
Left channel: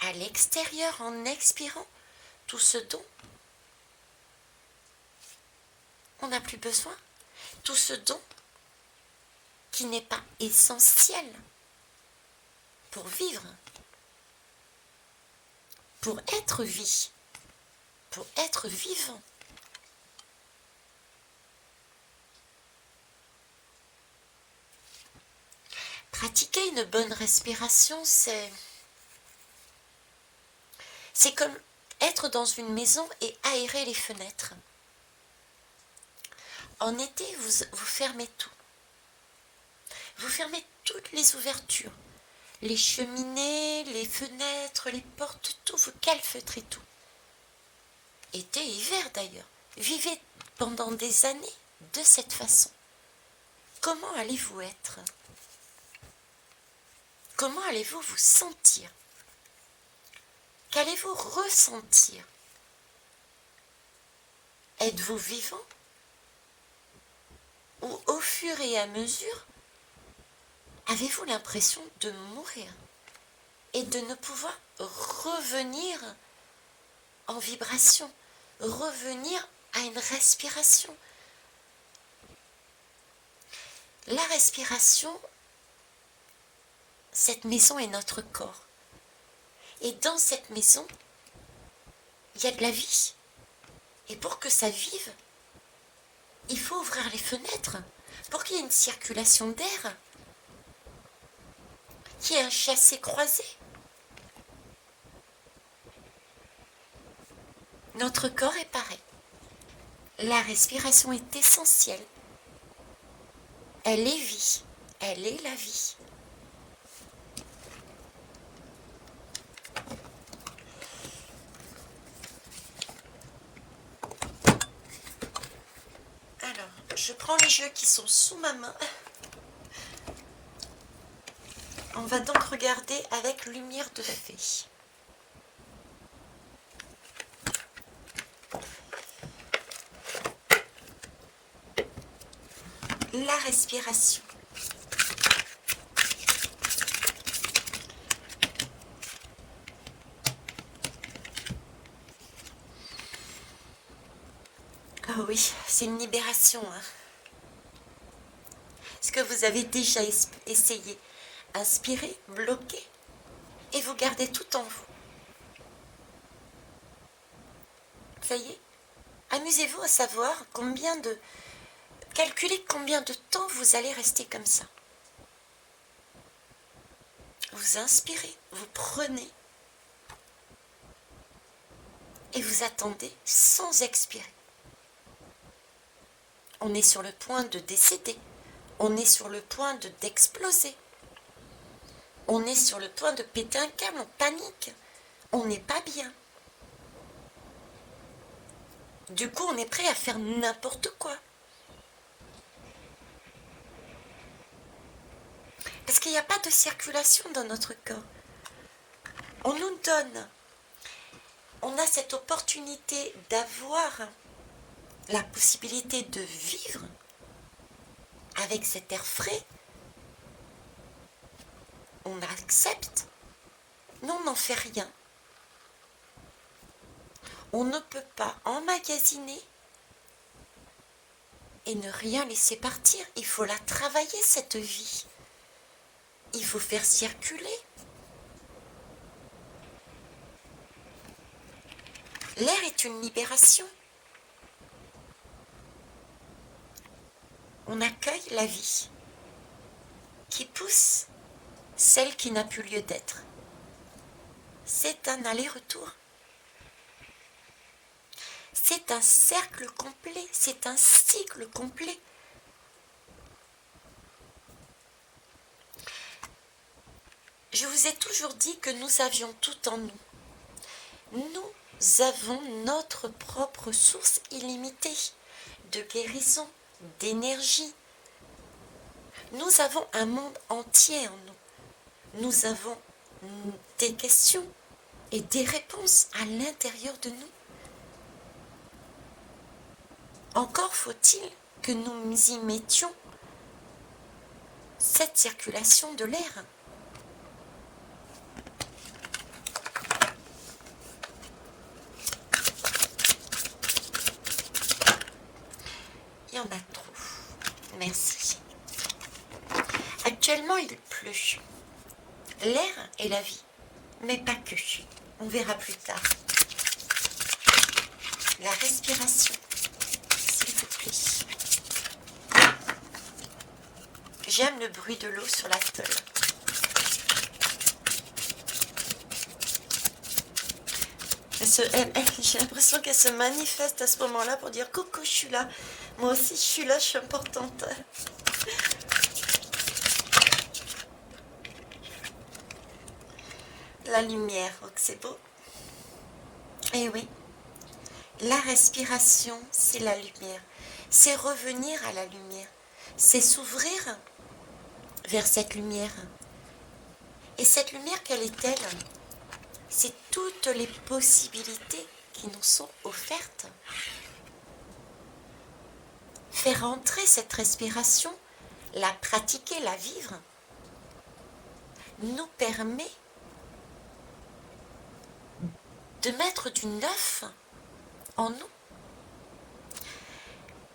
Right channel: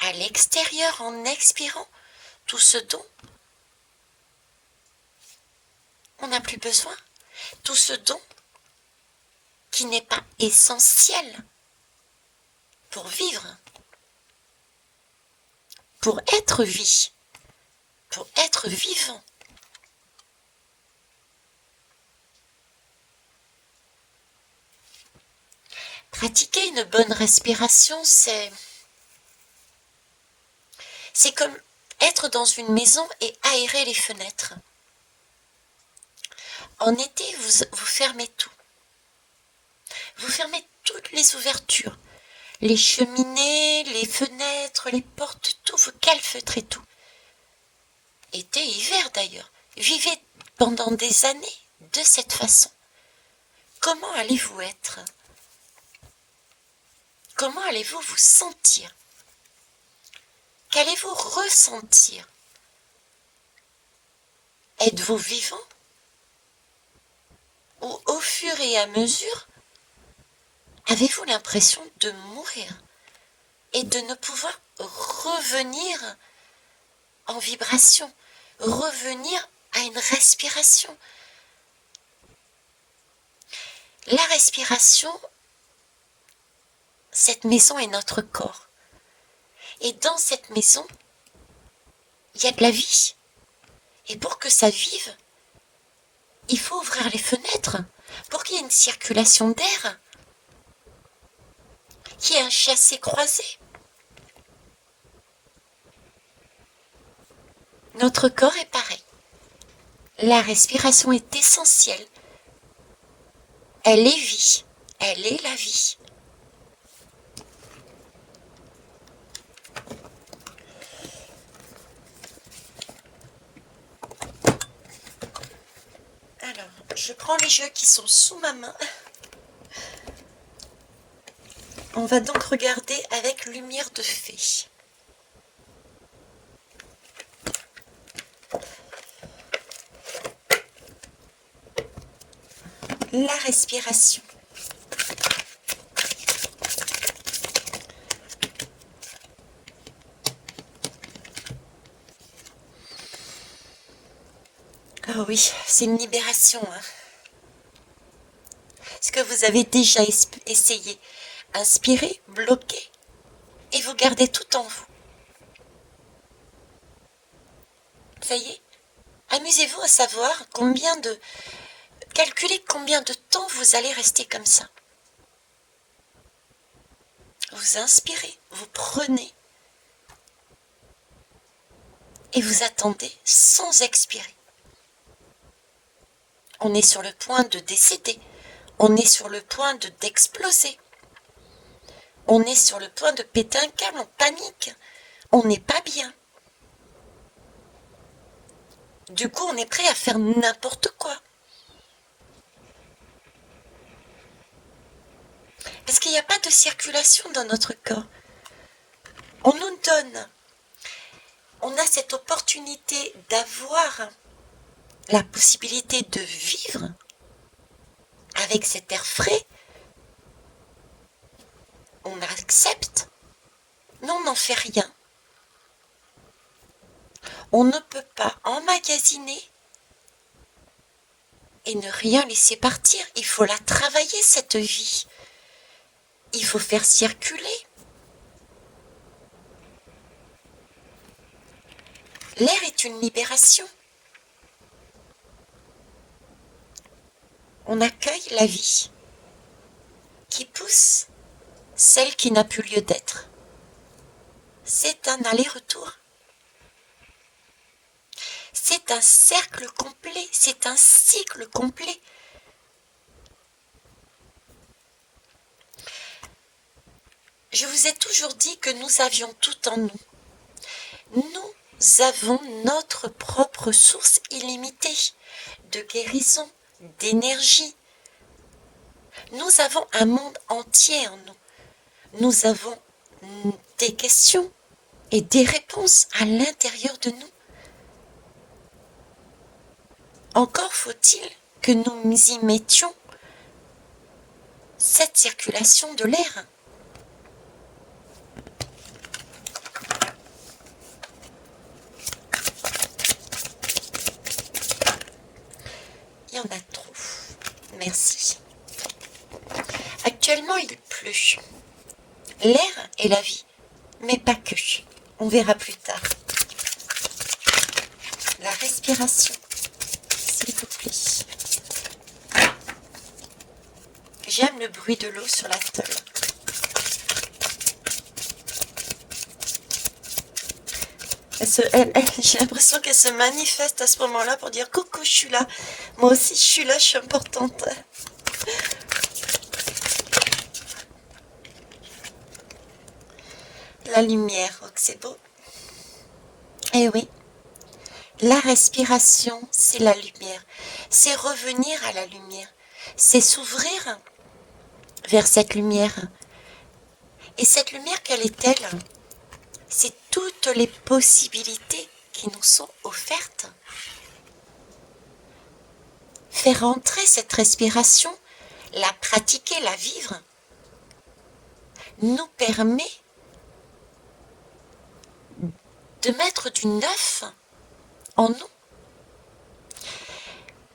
à l'extérieur en expirant tout ce dont on n'a plus besoin, tout ce dont qui n'est pas essentiel pour vivre, pour être vie, pour être vivant. Pratiquer une bonne respiration, c'est comme être dans une maison et aérer les fenêtres. En été, vous fermez tout. Vous fermez toutes les ouvertures, les cheminées, les fenêtres, les portes, tout, vous calfeutrez tout. Été, hiver d'ailleurs. Vivez pendant des années de cette façon. Comment allez-vous être? Comment allez-vous vous sentir? Qu'allez-vous ressentir? Êtes-vous vivant? Ou au fur et à mesure, avez-vous l'impression de mourir et de ne pouvoir revenir en vibration, revenir à une respiration? La respiration, cette maison est notre corps. Et dans cette maison, il y a de la vie. Et pour que ça vive, il faut ouvrir les fenêtres pour qu'il y ait une circulation d'air, qu'il y ait un chassé-croisé. Notre corps est pareil. La respiration est essentielle. Elle est vie. Elle est la vie. Alors, je prends les jeux qui sont sous ma main. On va donc regarder avec lumière de fée. La respiration. Oh oui, c'est une libération. Est-ce que vous avez déjà essayé? Inspirez, bloquez et vous gardez tout en vous. Ça y est? Amusez-vous à savoir calculez combien de temps vous allez rester comme ça. Vous inspirez, vous prenez et vous attendez sans expirer. On est sur le point de décéder. On est sur le point d'exploser. On est sur le point de péter un câble, on panique. On n'est pas bien. Du coup, on est prêt à faire n'importe quoi. Parce qu'il n'y a pas de circulation dans notre corps. On nous donne. On a cette opportunité d'avoir la possibilité de vivre avec cet air frais. On accepte, mais on n'en fait rien. On ne peut pas emmagasiner et ne rien laisser partir. Il faut la travailler, cette vie. Il faut faire circuler. L'air est une libération. On accueille la vie qui pousse celle qui n'a plus lieu d'être. C'est un aller-retour. C'est un cercle complet, c'est un cycle complet. Je vous ai toujours dit que nous avions tout en nous. Nous avons notre propre source illimitée de guérison, d'énergie. Nous avons un monde entier en nous. Nous avons des questions et des réponses à l'intérieur de nous. Encore faut-il que nous y mettions cette circulation de l'air. Il y en a trop. Merci. Actuellement, il pleut. L'air est la vie, mais pas que. On verra plus tard. La respiration, s'il vous plaît. J'aime le bruit de l'eau sur la tôle. J'ai l'impression qu'elle se manifeste à ce moment-là pour dire coucou, je suis là. Moi aussi, je suis là, je suis importante. La lumière, oh, c'est beau. Eh oui, la respiration, c'est la lumière. C'est revenir à la lumière. C'est s'ouvrir vers cette lumière. Et cette lumière, quelle est-elle? C'est toutes les possibilités qui nous sont offertes. Faire entrer cette respiration, la pratiquer, la vivre, nous permet de mettre du neuf en nous,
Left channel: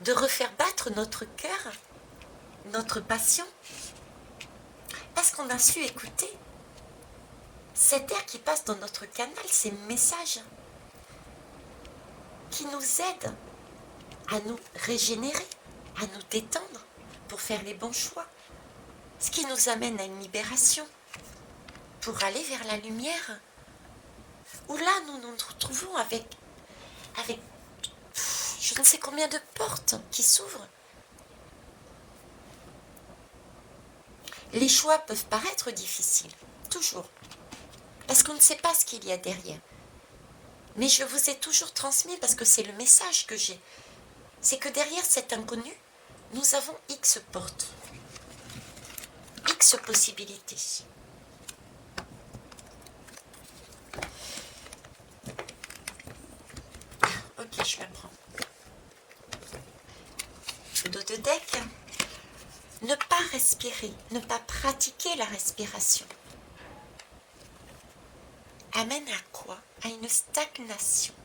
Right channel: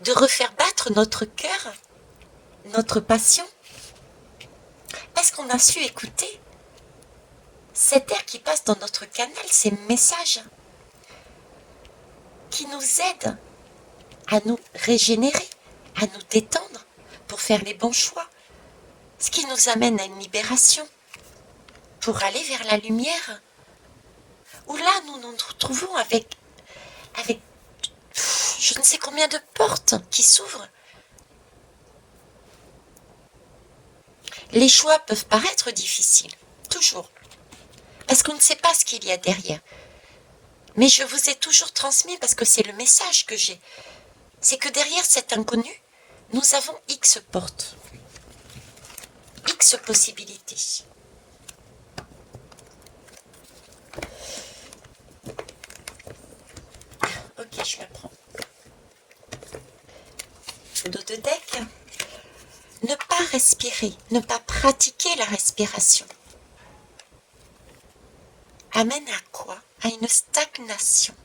de refaire battre notre cœur, notre passion, parce qu'on a su écouter cet air qui passe dans notre canal, ces messages qui nous aident à nous régénérer, à nous détendre pour faire les bons choix, ce qui nous amène à une libération pour aller vers la lumière, où là nous nous retrouvons avec je ne sais combien de portes qui s'ouvrent. Les choix peuvent paraître difficiles, toujours, parce qu'on ne sait pas ce qu'il y a derrière. Mais je vous ai toujours transmis, parce que c'est le message que j'ai, c'est que derrière cet inconnu, nous avons X portes, X possibilités. Ok, je la prends. Le dos de deck. Ne pas respirer, ne pas pratiquer la respiration amène à quoi? À une stagnation.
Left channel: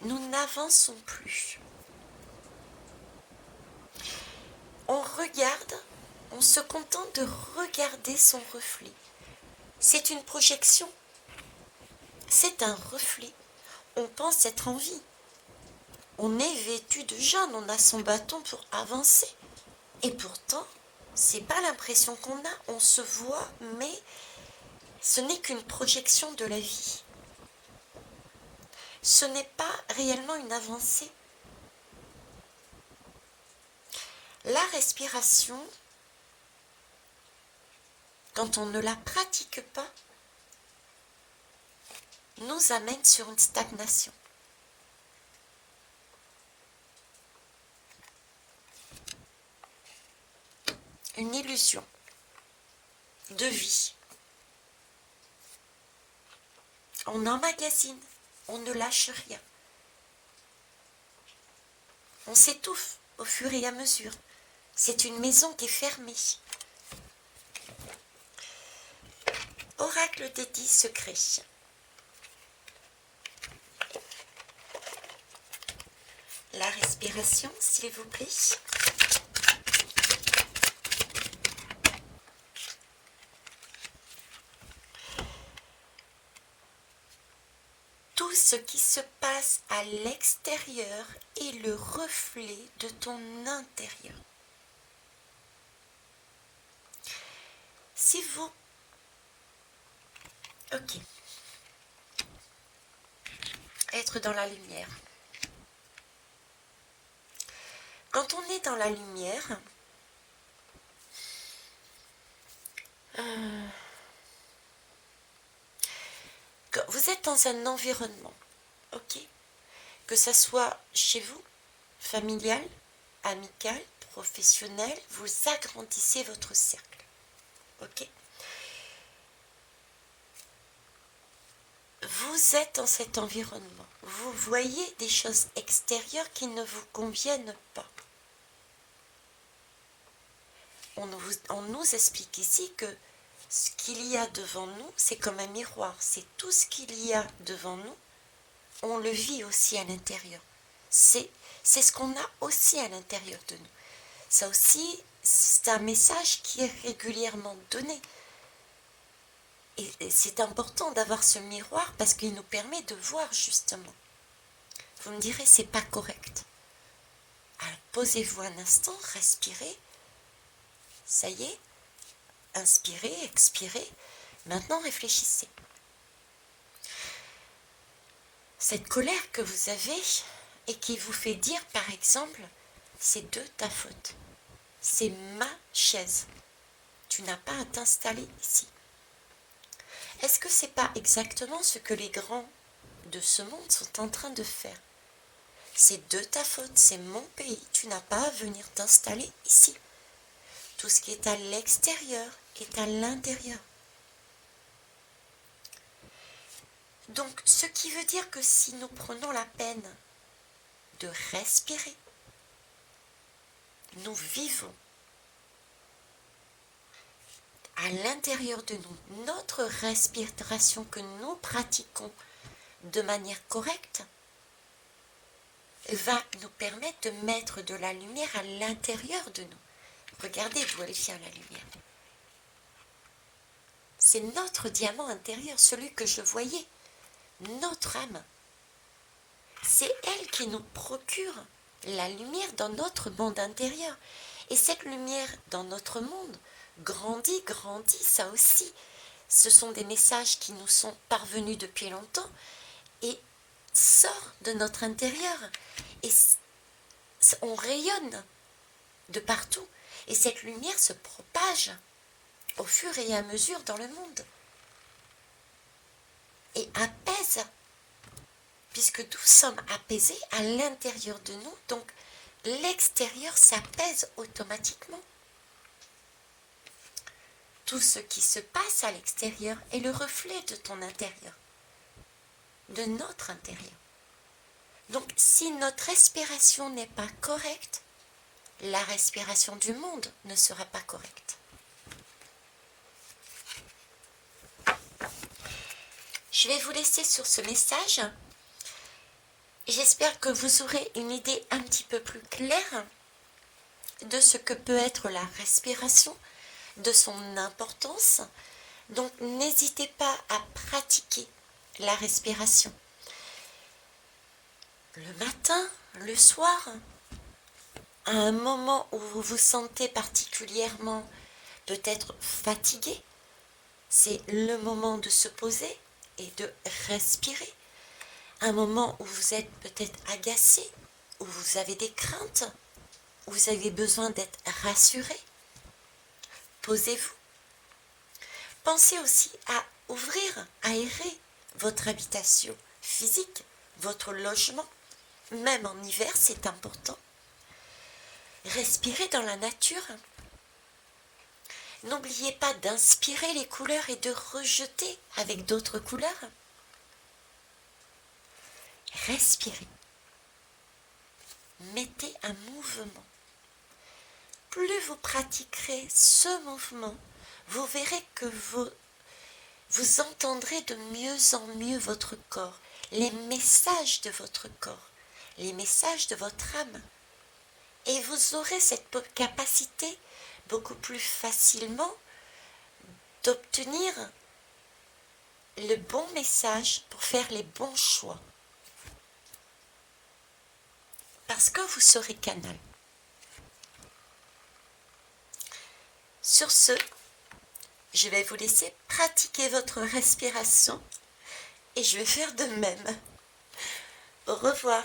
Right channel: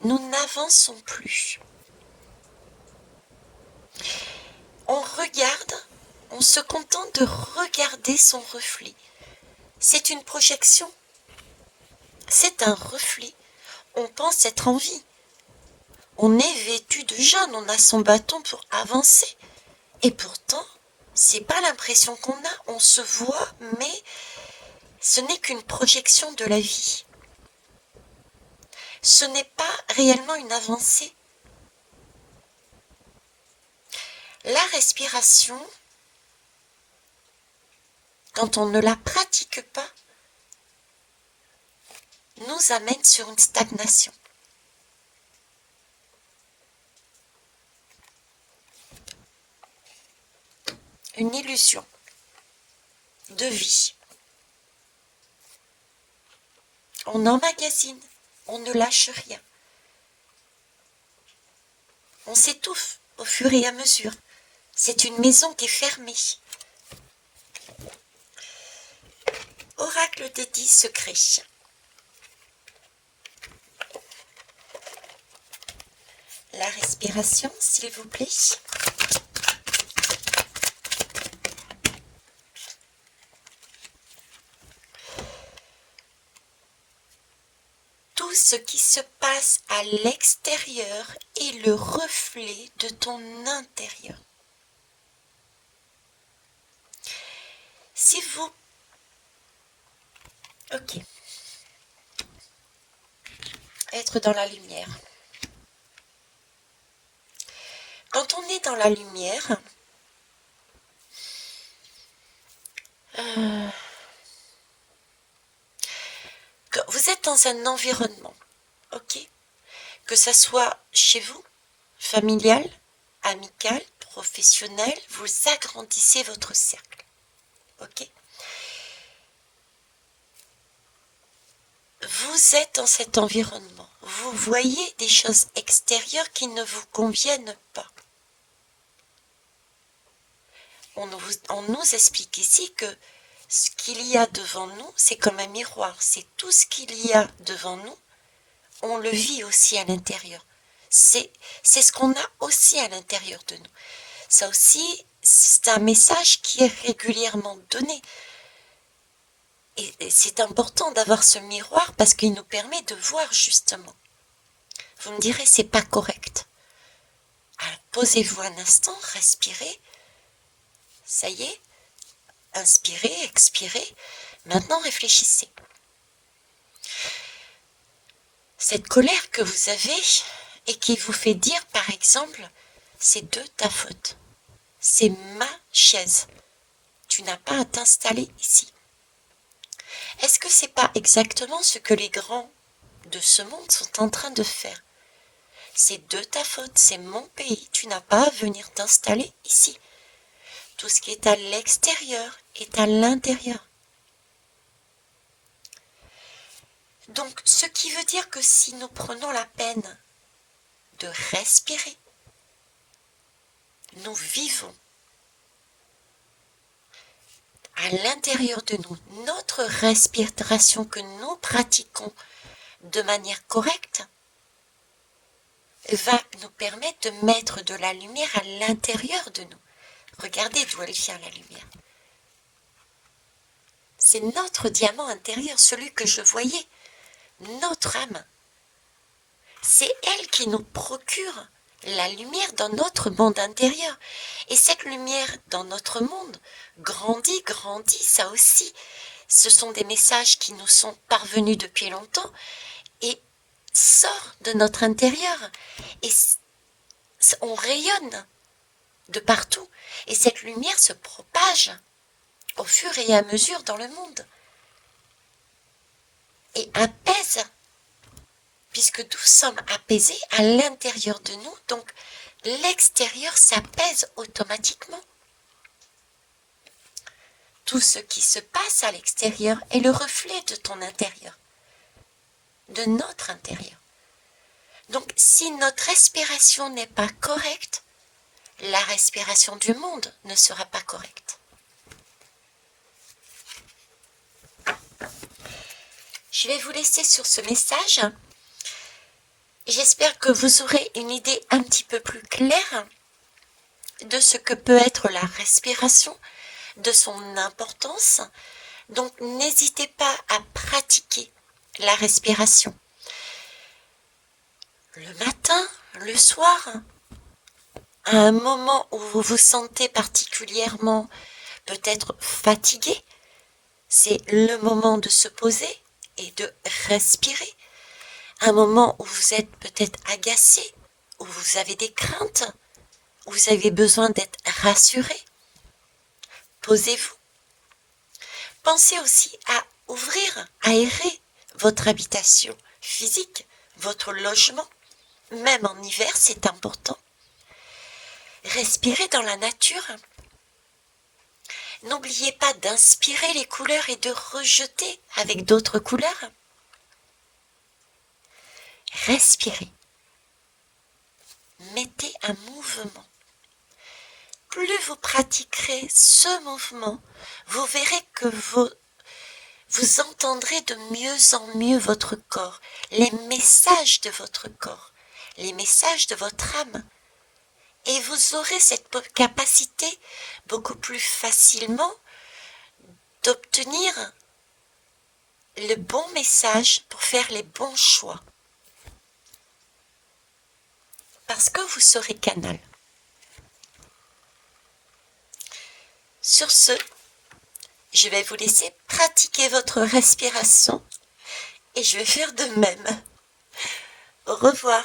Nous n'avançons plus. On regarde, on se contente de regarder son reflet. C'est une projection. C'est un reflet. On pense être en vie. On est vêtu de jaune, on a son bâton pour avancer. Et pourtant, c'est pas l'impression qu'on a. On se voit, mais ce n'est qu'une projection de la vie. Ce n'est pas réellement une avancée. La respiration, quand on ne la pratique pas, nous amène sur une stagnation. Une illusion de vie. On emmagasine, on ne lâche rien. On s'étouffe au fur et à mesure. C'est une maison qui est fermée. Oracle des 10 secrets. La respiration, s'il vous plaît. Tout ce qui se passe à l'extérieur est le reflet de ton intérieur. Si vous... Ok. Être dans la lumière. Quand on est dans la lumière, vous êtes dans un environnement, ok, que ça soit chez vous, familial, amical, professionnel, vous agrandissez votre cercle, ok. Vous êtes dans cet environnement, vous voyez des choses extérieures qui ne vous conviennent pas. On nous explique ici que ce qu'il y a devant nous, c'est comme un miroir, c'est tout ce qu'il y a devant nous, on le vit aussi à l'intérieur. C'est ce qu'on a aussi à l'intérieur de nous. Ça aussi, c'est un message qui est régulièrement donné. Et c'est important d'avoir ce miroir parce qu'il nous permet de voir justement. Vous me direz, c'est pas correct. Alors, posez-vous un instant, respirez. Ça y est, inspirez, expirez. Maintenant, réfléchissez. Cette colère que vous avez et qui vous fait dire, par exemple, c'est de ta faute. C'est ma chaise. Tu n'as pas à t'installer ici. Est-ce que c'est pas exactement ce que les grands de ce monde sont en train de faire? C'est de ta faute, c'est mon pays, tu n'as pas à venir t'installer ici. Tout ce qui est à l'extérieur est à l'intérieur. Donc, ce qui veut dire que si nous prenons la peine de respirer, nous vivons à l'intérieur de nous. Notre respiration que nous pratiquons de manière correcte va nous permettre de mettre de la lumière à l'intérieur de nous. Regardez d'où elle vient, la lumière. C'est notre diamant intérieur, celui que je voyais, notre âme. C'est elle qui nous procure la lumière dans notre monde intérieur. Et cette lumière dans notre monde grandit, ça aussi. Ce sont des messages qui nous sont parvenus depuis longtemps et sort de notre intérieur. Et on rayonne de partout. Et cette lumière se propage au fur et à mesure dans le monde. Et apaise, puisque nous sommes apaisés à l'intérieur de nous, donc l'extérieur s'apaise automatiquement. Tout ce qui se passe à l'extérieur est le reflet de ton intérieur, de notre intérieur. Donc si notre respiration n'est pas correcte, la respiration du monde ne sera pas correcte. Je vais vous laisser sur ce message. J'espère que vous aurez une idée un petit peu plus claire de ce que peut être la respiration, de son importance. Donc n'hésitez pas à pratiquer la respiration. Le matin, le soir, à un moment où vous vous sentez particulièrement peut-être fatigué, c'est le moment de se poser et de respirer. Un moment où vous êtes peut-être agacé, où vous avez des craintes, où vous avez besoin d'être rassuré. Posez-vous. Pensez aussi à ouvrir, aérer votre habitation physique, votre logement. Même en hiver, c'est important. Respirez dans la nature. N'oubliez pas d'inspirer les couleurs et de rejeter avec d'autres couleurs. Respirez. Mettez un mouvement. Plus vous pratiquerez ce mouvement, vous verrez que vous entendrez de mieux en mieux votre corps, les messages de votre corps, les messages de votre âme. Et vous aurez cette capacité beaucoup plus facilement d'obtenir le bon message pour faire les bons choix. Parce que vous serez canal. Sur ce, je vais vous laisser pratiquer votre respiration et je vais faire de même. Au revoir.